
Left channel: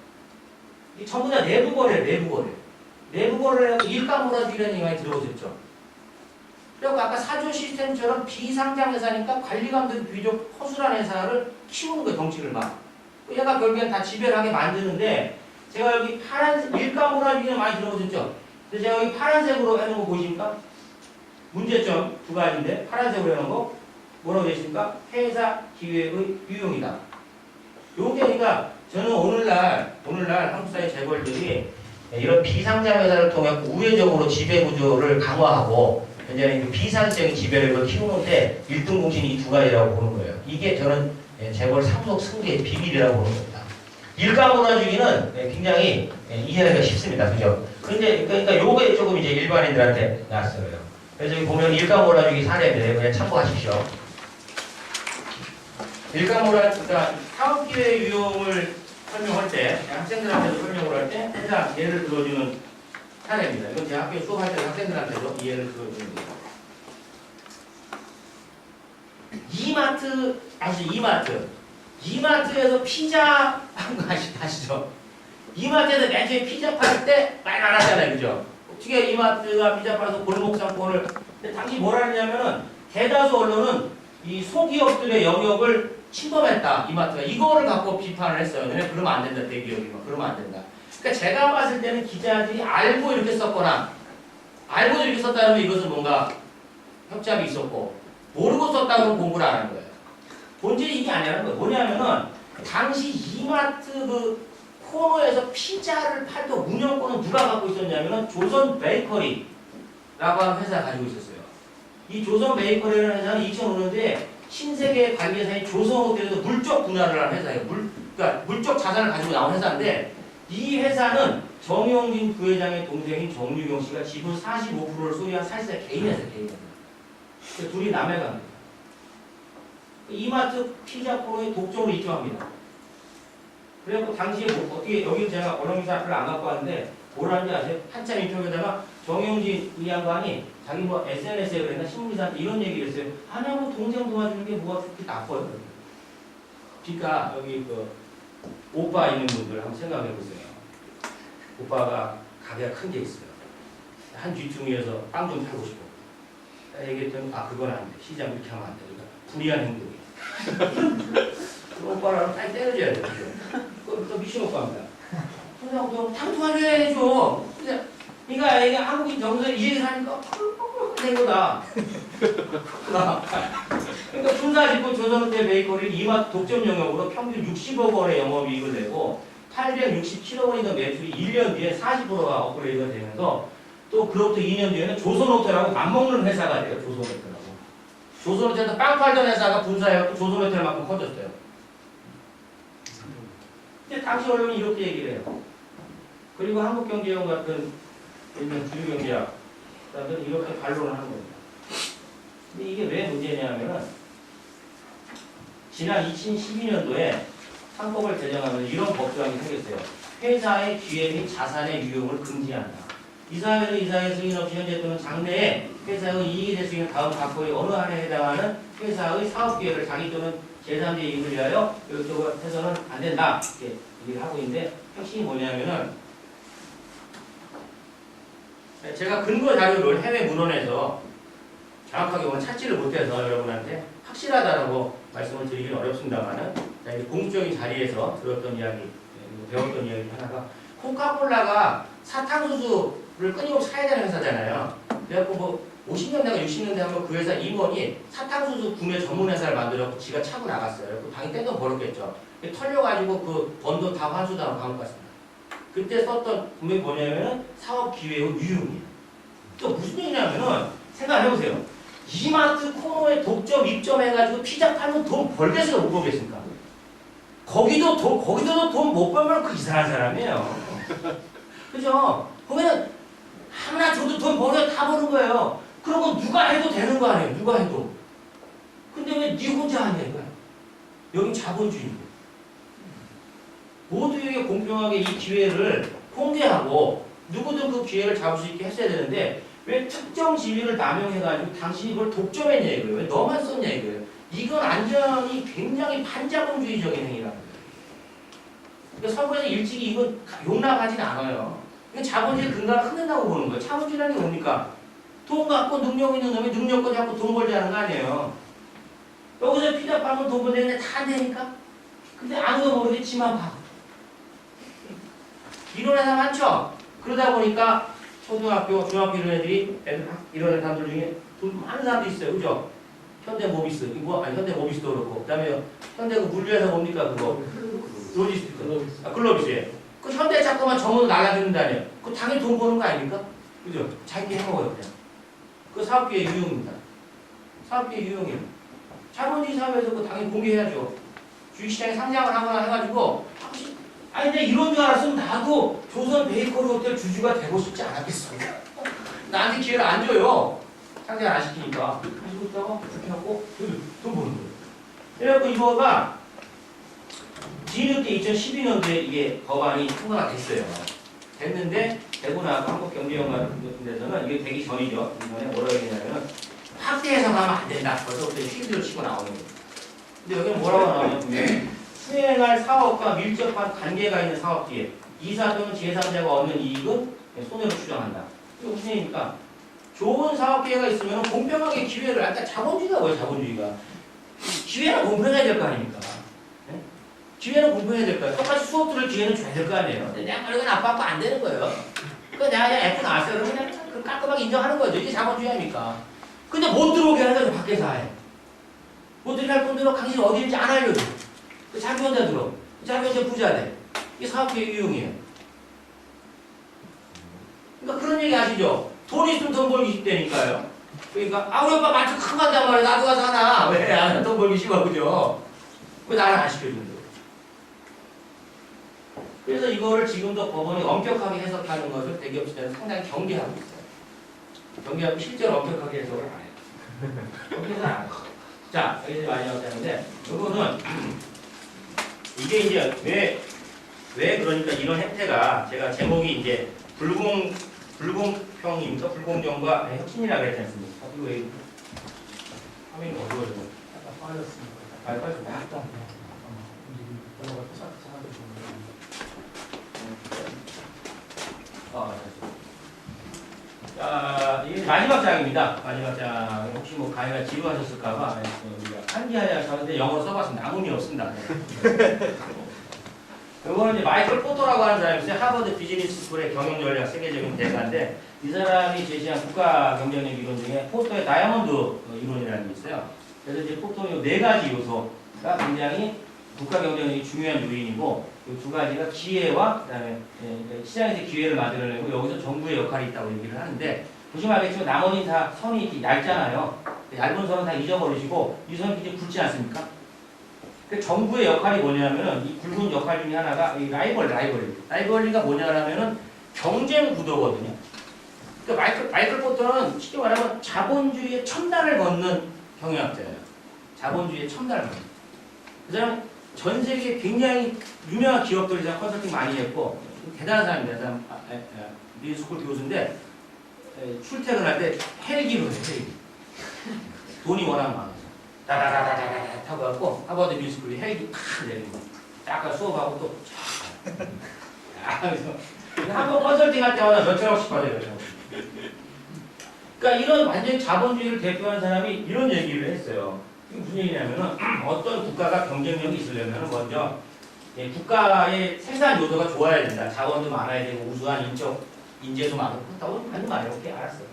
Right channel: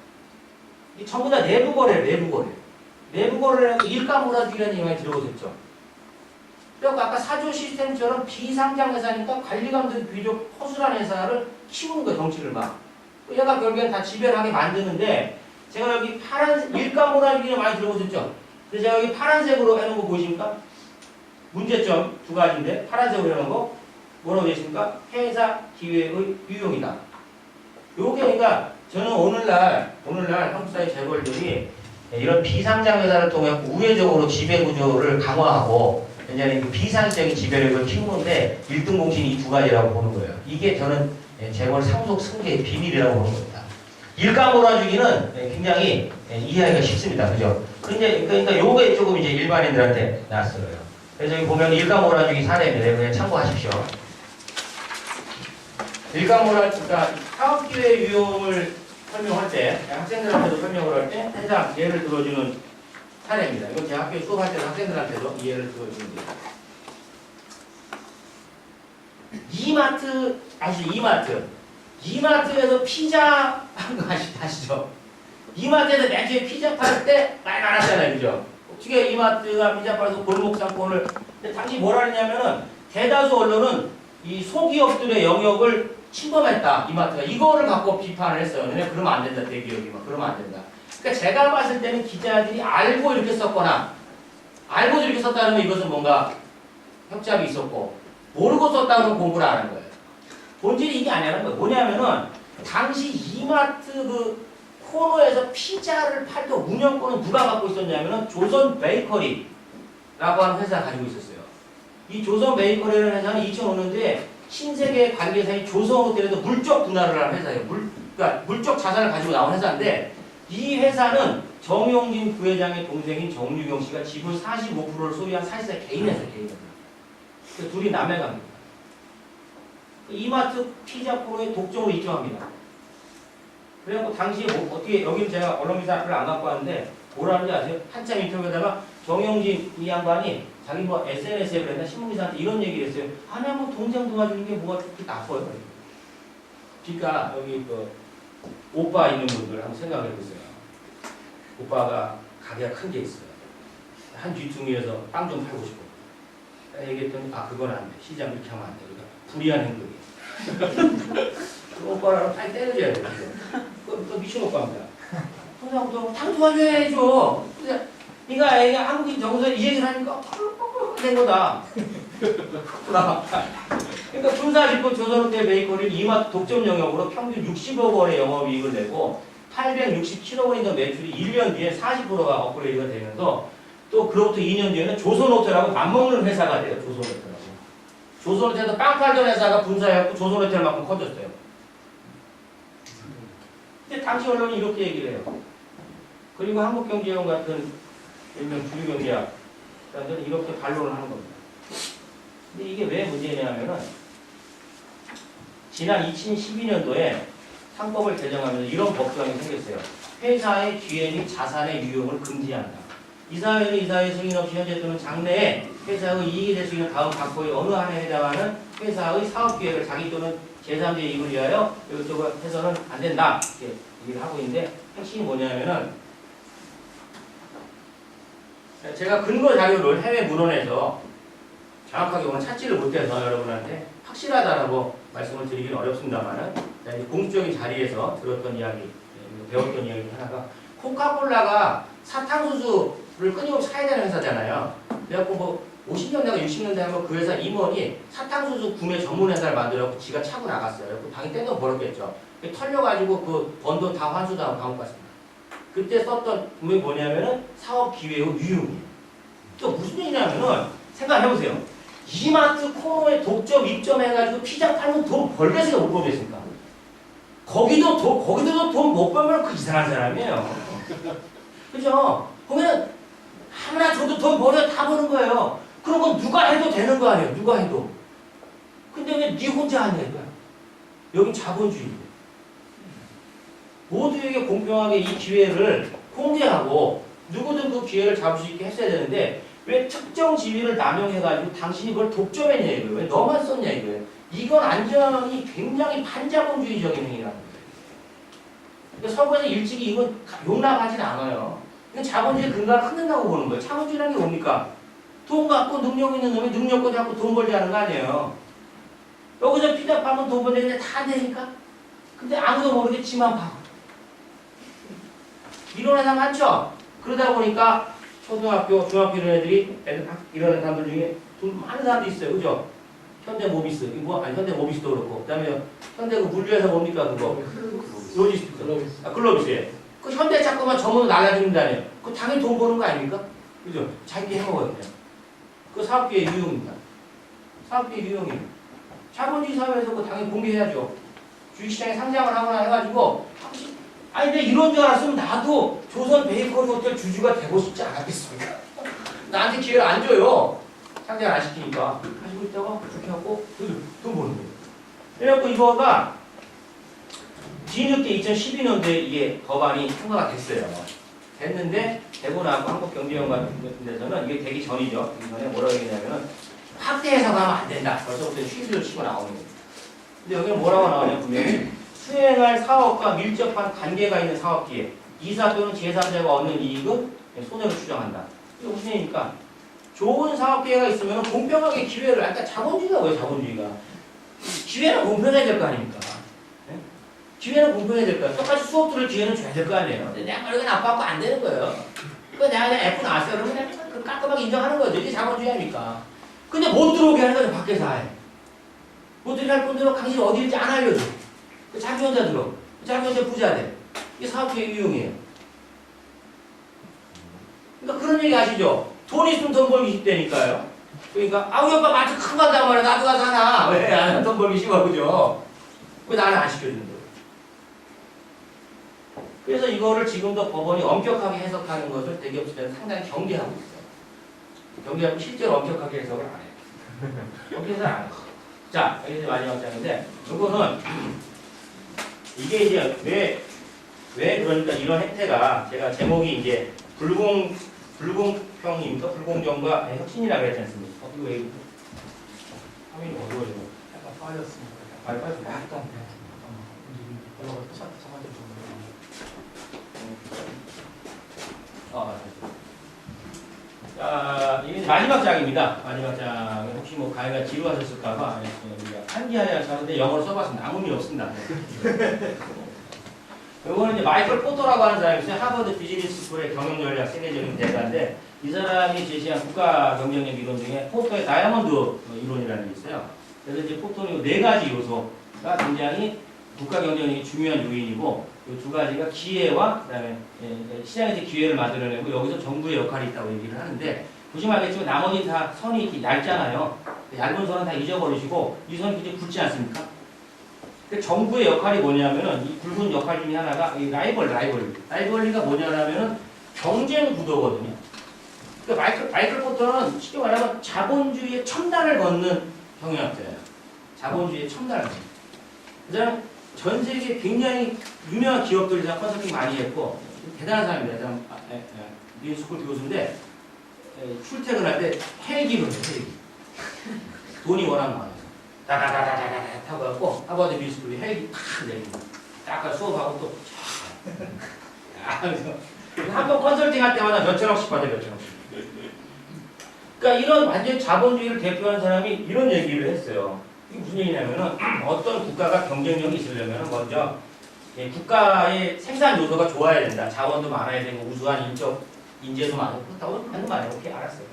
이 전부 다 내부 거래예요. 내부 거래. 내부 거래를 해서 일가 몰아주기라는 얘기 많이 들어보셨죠? 그리고 아까 사조 시스템처럼 비상장 회사니까 관리 감독이 비교적 허술한 회사를 키우는 거예요. 덩치를 막. 얘가 결국엔 다 지배하게 만드는데 제가 여기 파란색, 일가 몰아주기는 많이 들어보셨죠? 근데 제가 여기 파란색으로 해놓은 거 보이십니까? 문제점 두 가지인데 파란색으로 해놓은 거 뭐라고 되십니까? 회사 기회의 유용이다. 요게 그러니까 저는 오늘날 한국 사회 재벌들이 이런 비상장 회사를 통해 우회적으로 지배 구조를 강화하고 굉장히 비상적인 지배력을 키우는데 1등 공신이 이 두 가지라고 보는 거예요. 이게 저는 재벌 상속 승계의 비밀이라고 보는 겁니다. 일가 몰아주기는 굉장히 이해하기가 쉽습니다. 그죠? 근데 그러니까 요게 조금 이제 일반인들한테 낯설어요. 그래서 여기 보면 일가 몰아주기 사례인데 그냥 참고하십시오. 일가 몰아주기가 사업기회 유용을 설명할 때 학생들한테도 설명을 할 때 항상 예를 들어주는 사례입니다. 이건 제 학교에 수업할 때도 학생들한테도 이해를 들어주는 거예요. 이마트 아시죠? 이마트에서 피자 한 거 아시죠? 이마트에서 맨 처음에 피자 팔 때 많이 많았잖아요. 그죠? 어떻게 이마트가 피자 팔아서 골목 상권을 근데 당시 뭐라 했냐면은 대다수 언론은 이 소기업들의 영역을 침범했다. 이마트가 이거를 갖고 비판을 했어요. 너네 그러면 안 된다. 대기업이 막 그러면 안 된다. 그러니까 제가 봤을 때는 기자들이 알고 이렇게 썼거나 알고 이렇게 썼다면 이것은 뭔가 협잡이 있었고 모르고 썼다 그러면 공부를 안 한 거예요. 본질이 이게 아니라는 거예요. 뭐냐면은 당시 이마트 그 코너에서 피자를 팔던 운영권은 누가 갖고 있었냐면은 조선 베이커리라고 하는 회사가 가지고 있었어요. 이 조선 베이커리라는 회사는 2005년도에 신세계 관계사인 조선호텔에서 물적 분할을 한 회사예요. 그러니까 물적 자산을 가지고 나온 회사인데 이 회사는 정용진 부회장의 동생인 정유경 씨가 지분 45%를 소유한 사실상 개인 회사, 개인 회사. 그 둘이 남매 관계입니다. 이마트 피자 코너에 독점으로 입점합니다. 그래갖고 당시에 뭐 어떻게 여기 제가 언론기사 별로 안 갖고 왔는데 뭐라는지 아세요? 한참 인터뷰에다가 정영진 이 양반이 자기 뭐 SNS에 그랬나 신문기사한테 이런 얘기를 했어요. 아니 뭐 동생 도와주는 게 뭐가 그렇게 나빠요. 그러니까 여기 그 오빠 있는 분들 한번 생각해 보세요. 오빠가 가게가 큰 게 있어요. 한 뒤퉁이에서 빵 좀 팔고 싶어. 얘기했더니 그건 안 돼. 시장 이렇게 하면 안 돼. 그러니까 불이한 행동이. 그 오빠랑 빨리 때려줘야 돼. 그 미친 오빠입니다. 그래서 당 도와줘야죠. 그러니까 이게 한국인 정서에 이 얘기를 하니까 된 거다. 그러니까 군사집권 조선호텔 베이커리 이마트 독점 영역으로 평균 60억 원의 영업이익을 내고 867억 원의 매출이 1년 뒤에 40%가 업그레이드가 되면서 또 그로부터 2년 뒤에는 조선호텔하고 맞먹는 회사가 돼요. 조선호텔하고. 조선호텔에서 빵 팔던 회사가 분사해갖고 조선호텔만큼 커졌어요. 근데 당시 언론이 이렇게 얘기를 해요. 그리고 한국경제원 같은 일명 주류경제학 사람들은 이렇게 반론을 하는 겁니다. 근데 이게 왜 문제냐면은 지난 2012년도에 상법을 개정하면서 이런 법조항이 생겼어요. 회사의 기회 및 자산의 유용을 금지한다. 이사회는 이사회 승인 없이 현재 또는 장래에 회사의 이익이 될 수 있는 다음 각호의 어느 한에 해당하는 회사의 사업 기회를 자기 또는 제3자 이익을 위하여 이쪽으로 해서는 안 된다. 이렇게 얘기를 하고 있는데 핵심이 뭐냐면은 제가 근거 자료를 해외 문헌에서 정확하게 보면 찾지를 못해서 여러분한테 확실하다라고 말씀을 드리기는 어렵습니다만은 공식적인 자리에서 들었던 이야기, 배웠던 이야기 하나가 코카콜라가 사탕수수를 끊임없이 사야 되는 회사잖아요. 그래갖고 뭐 50년대가 60년대 한번 그 회사 임원이 사탕수수 구매 전문 회사를 만들었고 지가 차고 나갔어요. 그 당연히 떼돈 벌었겠죠. 털려가지고 그 번 돈 다 환수당하고 감옥 갔습니다. 그때 썼던 분명히 뭐냐면은 사업 기회의 유용이에요. 또 무슨 얘기냐면은 생각해보세요. 이마트 코너에 독점 입점해가지고 피자 팔면 돈 벌겠어요, 못 벌겠습니까? 거기도 돈 못 벌면 그 이상한 사람이에요. 그죠? 보면은 아무나 줘도 돈 벌어야 다 버는 거예요. 그런 건 누가 해도 되는 거 아니에요. 누가 해도. 근데 왜 네 혼자 하냐 이거야. 여긴 자본주의인데. 모두에게 공평하게 이 기회를 공개하고 누구든 그 기회를 잡을 수 있게 했어야 되는데 왜 특정 지위를 남용해가지고 당신이 그걸 독점했냐 이거예요. 왜 너만 썼냐 이거예요. 이건 완전히 굉장히 반자본주의적인 행위라는 거예요. 그러니까 서구에서 일찍이 이건 용납하지는 않아요. 이건 자본주의 근간을 흔든다고 보는 거예요. 자본주의라는 게 뭡니까? 돈 갖고 능력 있는 놈이 능력껏 잡고 돈 벌지 않은 거 아니에요. 여기서 피자 팔면 돈 벌는데 다 안 되니까? 근데 아무도 모르게 지만 파. 이런 회사 많죠? 그러다 보니까 초등학교, 중학교 이런 애들이 이런 사람들 중에 돈 많은 사람도 있어요. 그죠? 현대모비스, 현대모비스도 그렇고, 그 다음에 현대 그 물류회사 뭡니까? 그거? 로지스티크. 글로비스에. 그 현대차 거만 전문으로 날라주는다네요. 그거 당연히 돈 버는 거 아닙니까? 그죠? 자기게 해먹어요, 그냥. 그 사업계의 유형입니다. 사업계의 유형이에요. 자본주의 사회에서 그거 당연히 공개해야죠. 주식시장에 상장을 하거나 해가지고, 아니, 근데 이런 줄 알았으면 나도 조선 베이커리 호텔 주주가 되고 싶지 않았겠습니까? 나한테 기회를 안 줘요. 상장을 안 시키니까. 가지고 있다가 그렇게 하고 돈 버는 거예요. 그래갖고 이거가 뒤늦게 2012년도에 이게 법안이 통과가 됐어요. 됐는데 되고 나고 한국경제연구원 같은 데서는 이게 되기 전이죠. 되기 전에 뭐라고 얘기냐면은 확대 해석하면 안 된다. 벌써부터 휴지를 치고 나오는 거예요. 근데 여기는 뭐라고 나오냐면 분명히 수행할 사업과 밀접한 관계가 있는 사업기에 이사 또는 제3자가 얻는 이익은 손해로 추정한다. 이게 무슨 얘기입니까? 좋은 사업기회가 있으면 공평하게 기회를, 아까 자본주의가 뭐예요, 자본주의가? 기회는 공평해야 될 거 아닙니까? 네? 기회는 공평해야 될 거예요. 똑같이 수업 들을 기회는 줘야 될 거 아니에요. 근데 내가 말하는 건 아빠하고 안 되는 거예요. 그러니까 내가 그냥 F 나왔어요. 그러면 그냥 그 깔끔하게 인정하는 거죠. 이게 자본주의 아닙니까? 근데 못 들어오게 하는 거죠, 밖에서 아예. 못 들어오게 할 분들은 당신이 어디일지 안 알려줘. 자기 혼자 들어. 자기 혼자 부자 돼. 이게 사업계의 유형이에요. 그러니까 그런 얘기 아시죠? 돈 있으면 돈 벌기 쉽다니까요. 그러니까 우리 오빠 마트 큰 거 한단 말이야. 나도 가서 하나. 왜? 나는 돈 벌기 쉬워. 그죠? 왜 나는 안 시켜준다고. 그래서 이거를 지금도 법원이 엄격하게 해석하는 것을 대기업체는 상당히 경계하고 있어요. 경계하고 실제로 엄격하게 해석을 안 해요. 엄격해서 안 해요. 자, 여기 마지막 장인데 이거는 이게 이제 왜 그러니까 이런 혜택가 제가 제목이 이제 불공평입니까? 불공정과 혁신이라고 그랬지 않습니까? 이거 왜 화면이 어두워져? 약간 빠졌습니다. 빠졌습니다. 약간 올라가 자, 이게 마지막 장입니다. 마지막 장 혹시 뭐 가해가 지루하셨을까봐 우리가 한기하야 하는데 영어로 써봤습니다. 아무 의미 없습니다. 이거는 이제 마이클 포터라고 하는 사람이 있어요. 하버드 비즈니스 스쿨의 경영전략 세계적인 대가인데 이 사람이 제시한 국가 경쟁력 이론 중에 포터의 다이아몬드 이론이라는 게 있어요. 그래서 이제 포터의 4가지 요소가 굉장히 국가 경쟁력이 중요한 요인이고 이 2가지가 기회와 그다음에 시장에서 기회를 만들어내고 여기서 정부의 역할이 있다고 얘기를 하는데 보시면 알겠지만 나머지 다 선이 이렇게 얇잖아요. 얇은 선은 다 잊어버리시고 이 선이 이제 굵지 않습니까? 그 정부의 역할이 뭐냐면은 이 굵은 역할 중에 하나가 이 라이벌리가 뭐냐면은 경쟁 구도거든요. 그러니까 마이클 포터는 쉽게 말하면 자본주의의 첨단을 걷는 경영학자예요. 자본주의의 첨단을 걷는. 그 사람 전 세계 굉장히 유명한 기업들이랑 컨설팅 많이 했고 대단한 사람입니다. 미술스쿨 교수인데 출퇴근할 때 헬기로 해요. 헬기. 돈이 워낙 많아서 다다다다다다 타고 갖고 하버드 미술스쿨이 헬기 탁 내리고 딱 수업하고 또 한번 컨설팅 할 때마다 몇천억씩 받아요. 몇천억씩. 그러니까 이런 완전 자본주의를 대표하는 사람이 이런 얘기를 했어요. 이게 무슨 얘기냐면은 어떤 국가가 경쟁력이 있으려면 먼저 예, 국가의 생산 요소가 좋아야 된다. 자원도 많아야 되고 우수한 인재도 많고 그렇다고 하는 거 아니에요. 오케이, 알았어요.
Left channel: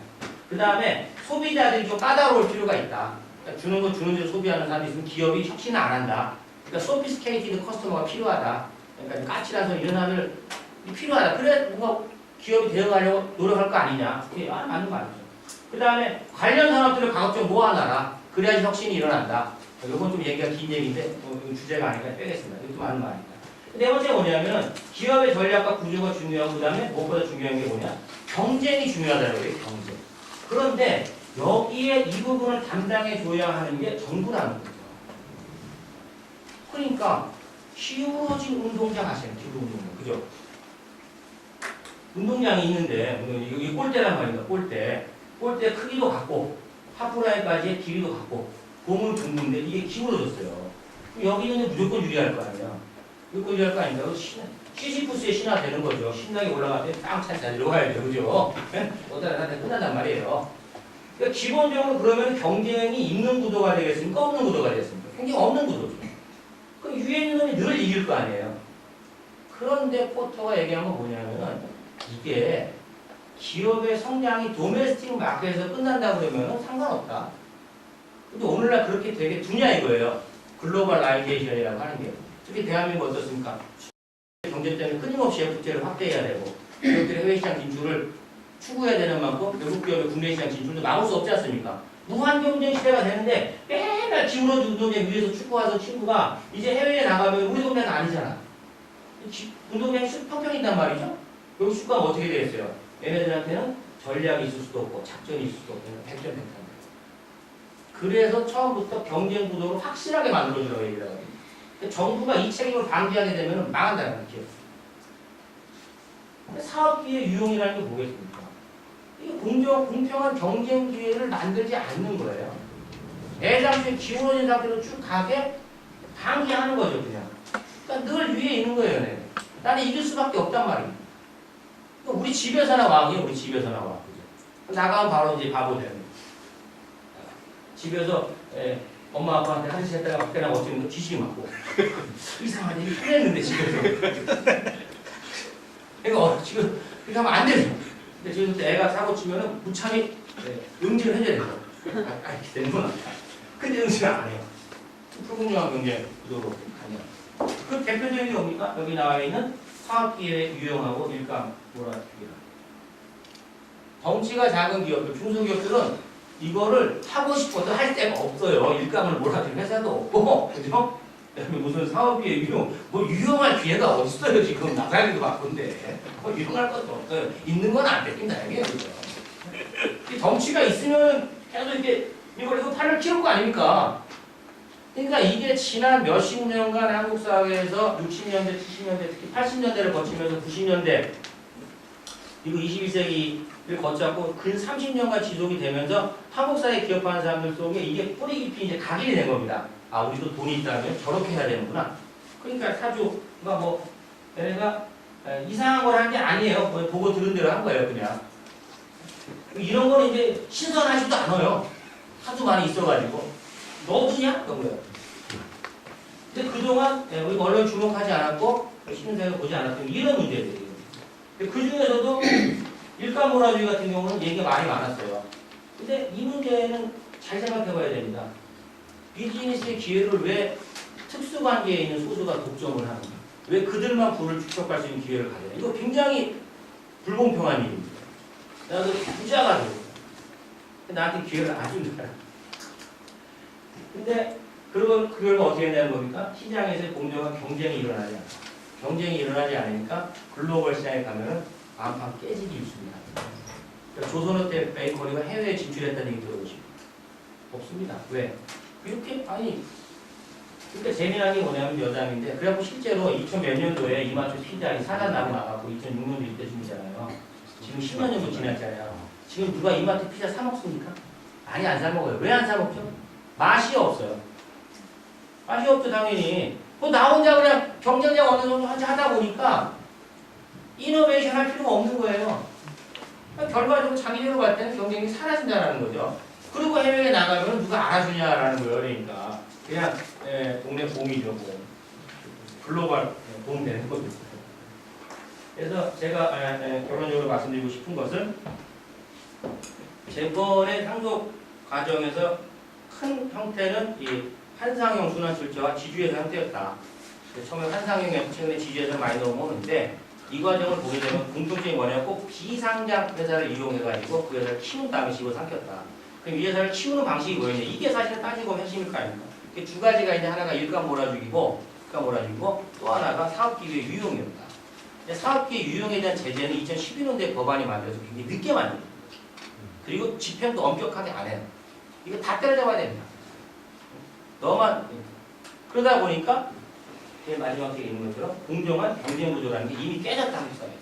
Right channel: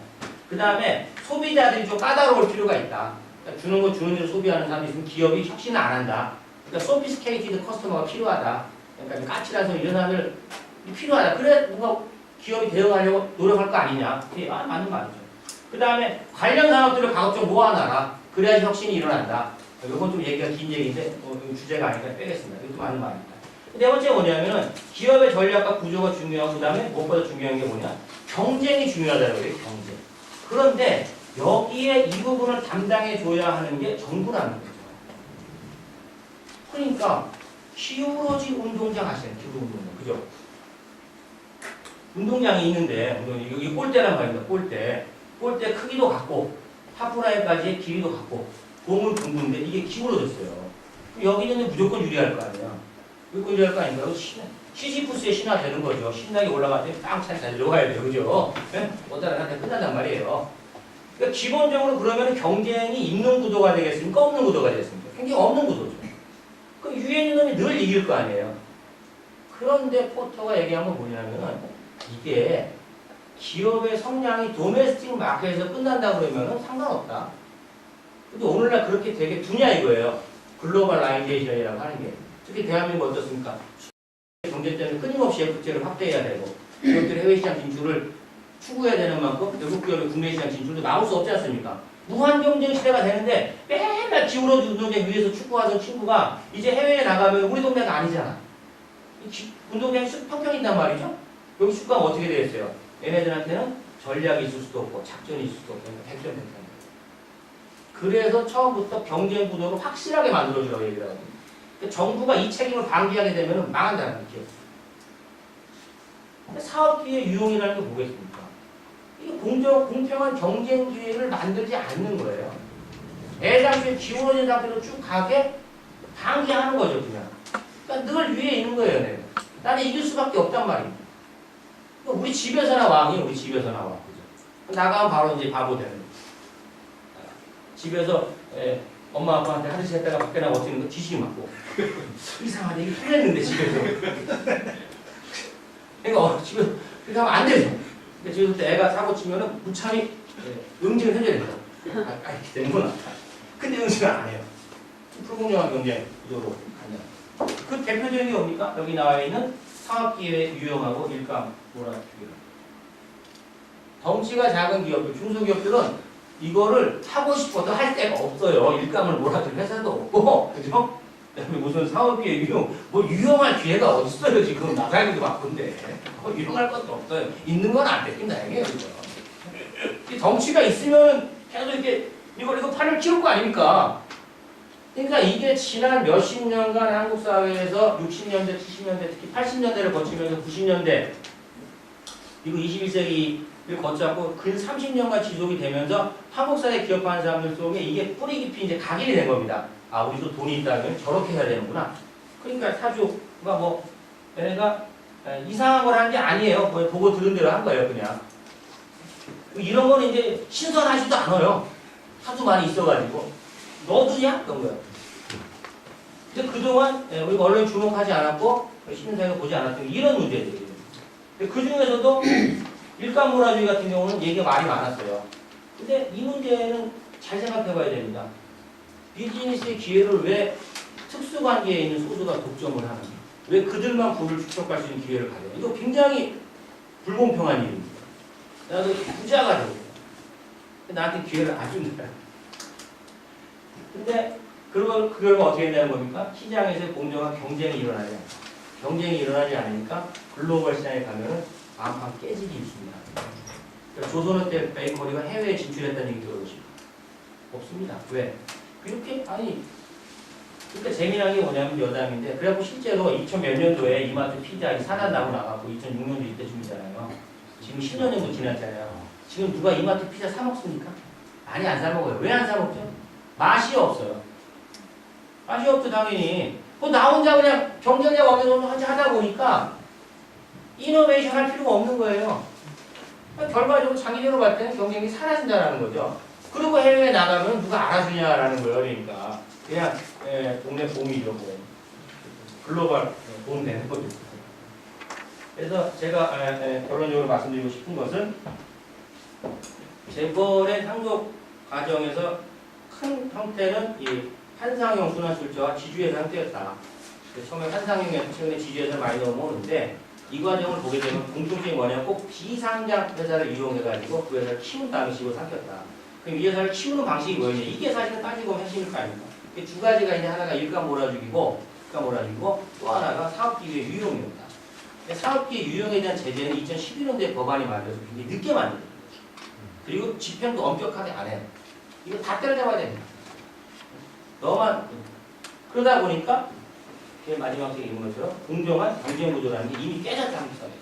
그 다음에 소비자들이 좀 까다로울 필요가 있다. 그러니까 주는 거 주는 대로 소비하는 사람이 있으면 기업이 혁신을 안 한다. 그러니까 소피스케이티드 커스터머가 필요하다. 그러니까 좀 까칠한 소리 이런 사람들 필요하다. 그래 뭔가 기업이 대응하려고 노력할 거 아니냐. 예, 맞는 말이죠. 그 다음에 관련 산업들을 가급적 모아놔라. 그래야지 혁신이 일어난다. 이건 좀 얘기가 긴 얘기인데 주제가 아니니까 빼겠습니다. 이것도 맞는 말입니다. 네 번째 뭐냐면은 기업의 전략과 구조가 중요하고 그 다음에 무엇보다 중요한 게 뭐냐? 경쟁이 중요하다는 거예요. 경쟁. 그런데 여기에 이 부분을 담당해 줘야 하는 게 정부라는 거죠. 그러니까 기울어진 운동장 아시나요? 기울어진 운동장. 그죠? 운동장이 있는데 이게 골대란 말입니다. 골대. 골대 크기도 같고 하프라인까지의 길이도 같고 공은 둥근데 이게 기울어졌어요. 여기는 무조건 유리할 거 아니야. 무조건 유리할 거 아닌가? 시지푸스의 신화 되는 거죠. 신나게 올라갈 때 땅찬 잘 들어가야 돼요. 그죠? 어디다 놨다 끝난단 말이에요. 그러니까 기본적으로 그러면 경쟁이 있는 구도가 되겠습니까? 없는 구도가 되겠습니까? 굉장히 없는 구도죠. 그럼 위에 있는 놈이 늘 이길 거 아니에요. 그런데 포터가 얘기한 건 뭐냐면은 이게 기업의 성장이 도메스틱 마켓에서 끝난다 그러면은 상관없다. 근데 오늘날 그렇게 되게 두냐 이거예요. 글로벌라이제이션이라고 하는 게. 특히 대한민국 어떻습니까? 경제 때문에 끊임없이 FTA를 확대해야 되고 기업들이 해외시장 진출을 추구해야 되는 만큼 외국 기업의 국내 시장 진출도 막을 수 없지 않습니까? 무한 경쟁 시대가 되는데 맨날 기울어진 운동장 위에서 축구하던 친구가 이제 해외에 나가면 우리 동네가 아니잖아. 운동장이 평평인단 말이죠? 여기 축구하면 어떻게 되겠어요? 얘네들한테는 전략이 있을 수도 없고 작전이 있을 수도 없고 백전백탄. 그래서 처음부터 경쟁 구도를 확실하게 만들어주라고 얘기를 하거든요. 정부가 이 책임을 방기하게 되면 망한다는 거죠. 사업기회 유용이라는 게 뭐겠습니까? 이게 공평한 경쟁 기회를 만들지 않는 거예요. 애당초에 기울어진 상태로 쭉 가게 방기하는 거죠, 그냥. 그러니까 늘 위에 있는 거예요, 내가. 나는 이길 수밖에 없단 말이에요. 그러니까 우리 집에서나 왕이에요, 우리 집에서나 왕. 그죠? 나가면 바로 이제 바보 되는 거예요. 집에서 엄마 아빠한테 화장실 했다가 밖에 나가 어떻게 뒤지기 맞고 이상하네 이게 통했는데 집에서 그러니까 지금 그렇게 하면 안 되죠. 근데 지금 애가 사고 치면은 무참히 응징을 해줘야 된다. 이렇게 되는구나. 근데 응징을 안 해요. 불공정한 경쟁 구도로 가냐. 그 대표적인 게 뭡니까? 여기 나와 있는 사업기회 유용하고 일감 몰아주기라. 덩치가 작은 기업들, 중소기업들은 이거를 하고 싶어도 할 데가 없어요. 일감을 몰아줄 회사도 없고, 그죠? 그다음에 무슨 사업기회 유용, 뭐 유용할 기회가 어딨어요, 지금. 나가기도 바쁜데. 뭐 유용할 것도 없어요. 있는 건 안 뺏긴다, 이게, 그죠? 이 덩치가 있으면 계속 이렇게, 이거 팔을 키울 거 아닙니까? 그러니까 이게 지난 몇십 년간 한국 사회에서 60년대, 70년대, 특히 80년대를 거치면서 90년대, 그리고 21세기를 거쳤고 근 30년간 지속이 되면서 한국 사회에 기업하는 사람들 속에 이게 뿌리 깊이 이제 각인이 된 겁니다. 아, 우리도 돈이 있다면 저렇게 해야 되는구나. 그러니까 사주가 뭐 얘네가 이상한 걸 한 게 아니에요. 뭐 보고 들은 대로 한 거예요, 그냥. 이런 거는 이제 신선하지도 않아요. 하도 많이 있어가지고 너도냐? 그런 거예요. 근데 그동안 우리가 언론에 주목하지 않았고 시민사회가 보지 않았던 이런 문제들이에요. 그 중에서도 일감 몰아주기 같은 경우는 얘기가 많이 많았어요. 근데 이 문제는 잘 생각해 봐야 됩니다. 비즈니스의 기회를 왜 특수관계에 있는 소수가 독점을 하는가? 왜 그들만 부를 축적할 수 있는 기회를 가져요? 이거 굉장히 불공평한 일입니다. 나도 부자가 되고 나한테 기회를 안 준다. 근데 그걸 어떻게 했냐는 겁니까? 시장에서 공정한 경쟁이 일어나지 않다. 경쟁이 일어나지 않으니까 글로벌 시장에 가면은 안판 깨지기 있습니다. 그러니까 조선호텔 베이커리가 해외에 진출했다는 얘기 들어보시고 없습니다. 왜? 이렇게 아니 그러니까 재미난 게 뭐냐면 여담인데 그래갖고 실제로 2000몇 년도에 이마트 피자 사단 나고 나가고 2006년도 이때쯤이잖아요. 지금 10년 정도 지났잖아요. 지금 누가 이마트 피자 사 먹습니까? 많이 안 사 먹어요. 왜 안 사 먹죠? 맛이 없어요. 맛이 없죠 당연히. 나 혼자 그냥 경쟁자가 어느 정도 하다 보니까 이노베이션 할 필요가 없는 거예요. 결과적으로 장기적으로 봤을 때는 경쟁이 사라진다는 거죠. 그리고 해외에 나가면 누가 알아주냐라는 거예요. 그러니까 그냥 동네 봄이죠. 뭐. 글로벌 도움되는 거죠. 그래서 제가 결론적으로 말씀드리고 싶은 것은 재벌의 상속 과정에서 큰 형태는 이 한상형 순환출자와 지주회사 형태였다. 처음에 한상형이 최근에 지주회사를 많이 넘어오는데 이 과정을 보게 되면 공통점이 뭐냐면 꼭 비상장 회사를 이용해가지고 그 회사를 키운 다음에 집어 삼켰다. 그럼 이 회사를 키우는 방식이 뭐였냐? 이게 사실은 따지고 보면 핵심일 거 아닙니까? 이게 두 가지가 있는데 하나가 일감 몰아주기고 또 하나가 사업기획 유용이었다. 사업기획 유용에 대한 제재는 2012년도에 법안이 만들어서 굉장히 늦게 만들어요. 그리고 집행도 엄격하게 안 해요. 이거 다 때려잡아야 됩니다. 너만 그러다 보니까 제일 마지막 책에 있는 것처럼 공정한 경쟁 구조라는 게 이미 깨졌다 한국 사회에서.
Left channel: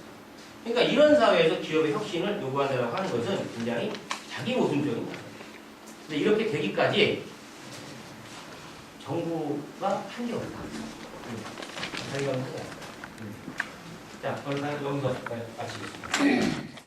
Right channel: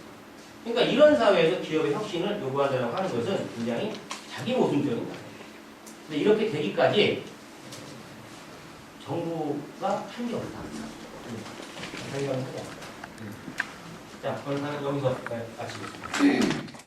그러니까 이런 사회에서 기업의 혁신을 요구한다고 하는 것은 굉장히 자기 모순적인 거예요. 근데 이렇게 되기까지 정부가 한 게 없다. 자, 오늘 여기서 마치겠습니다.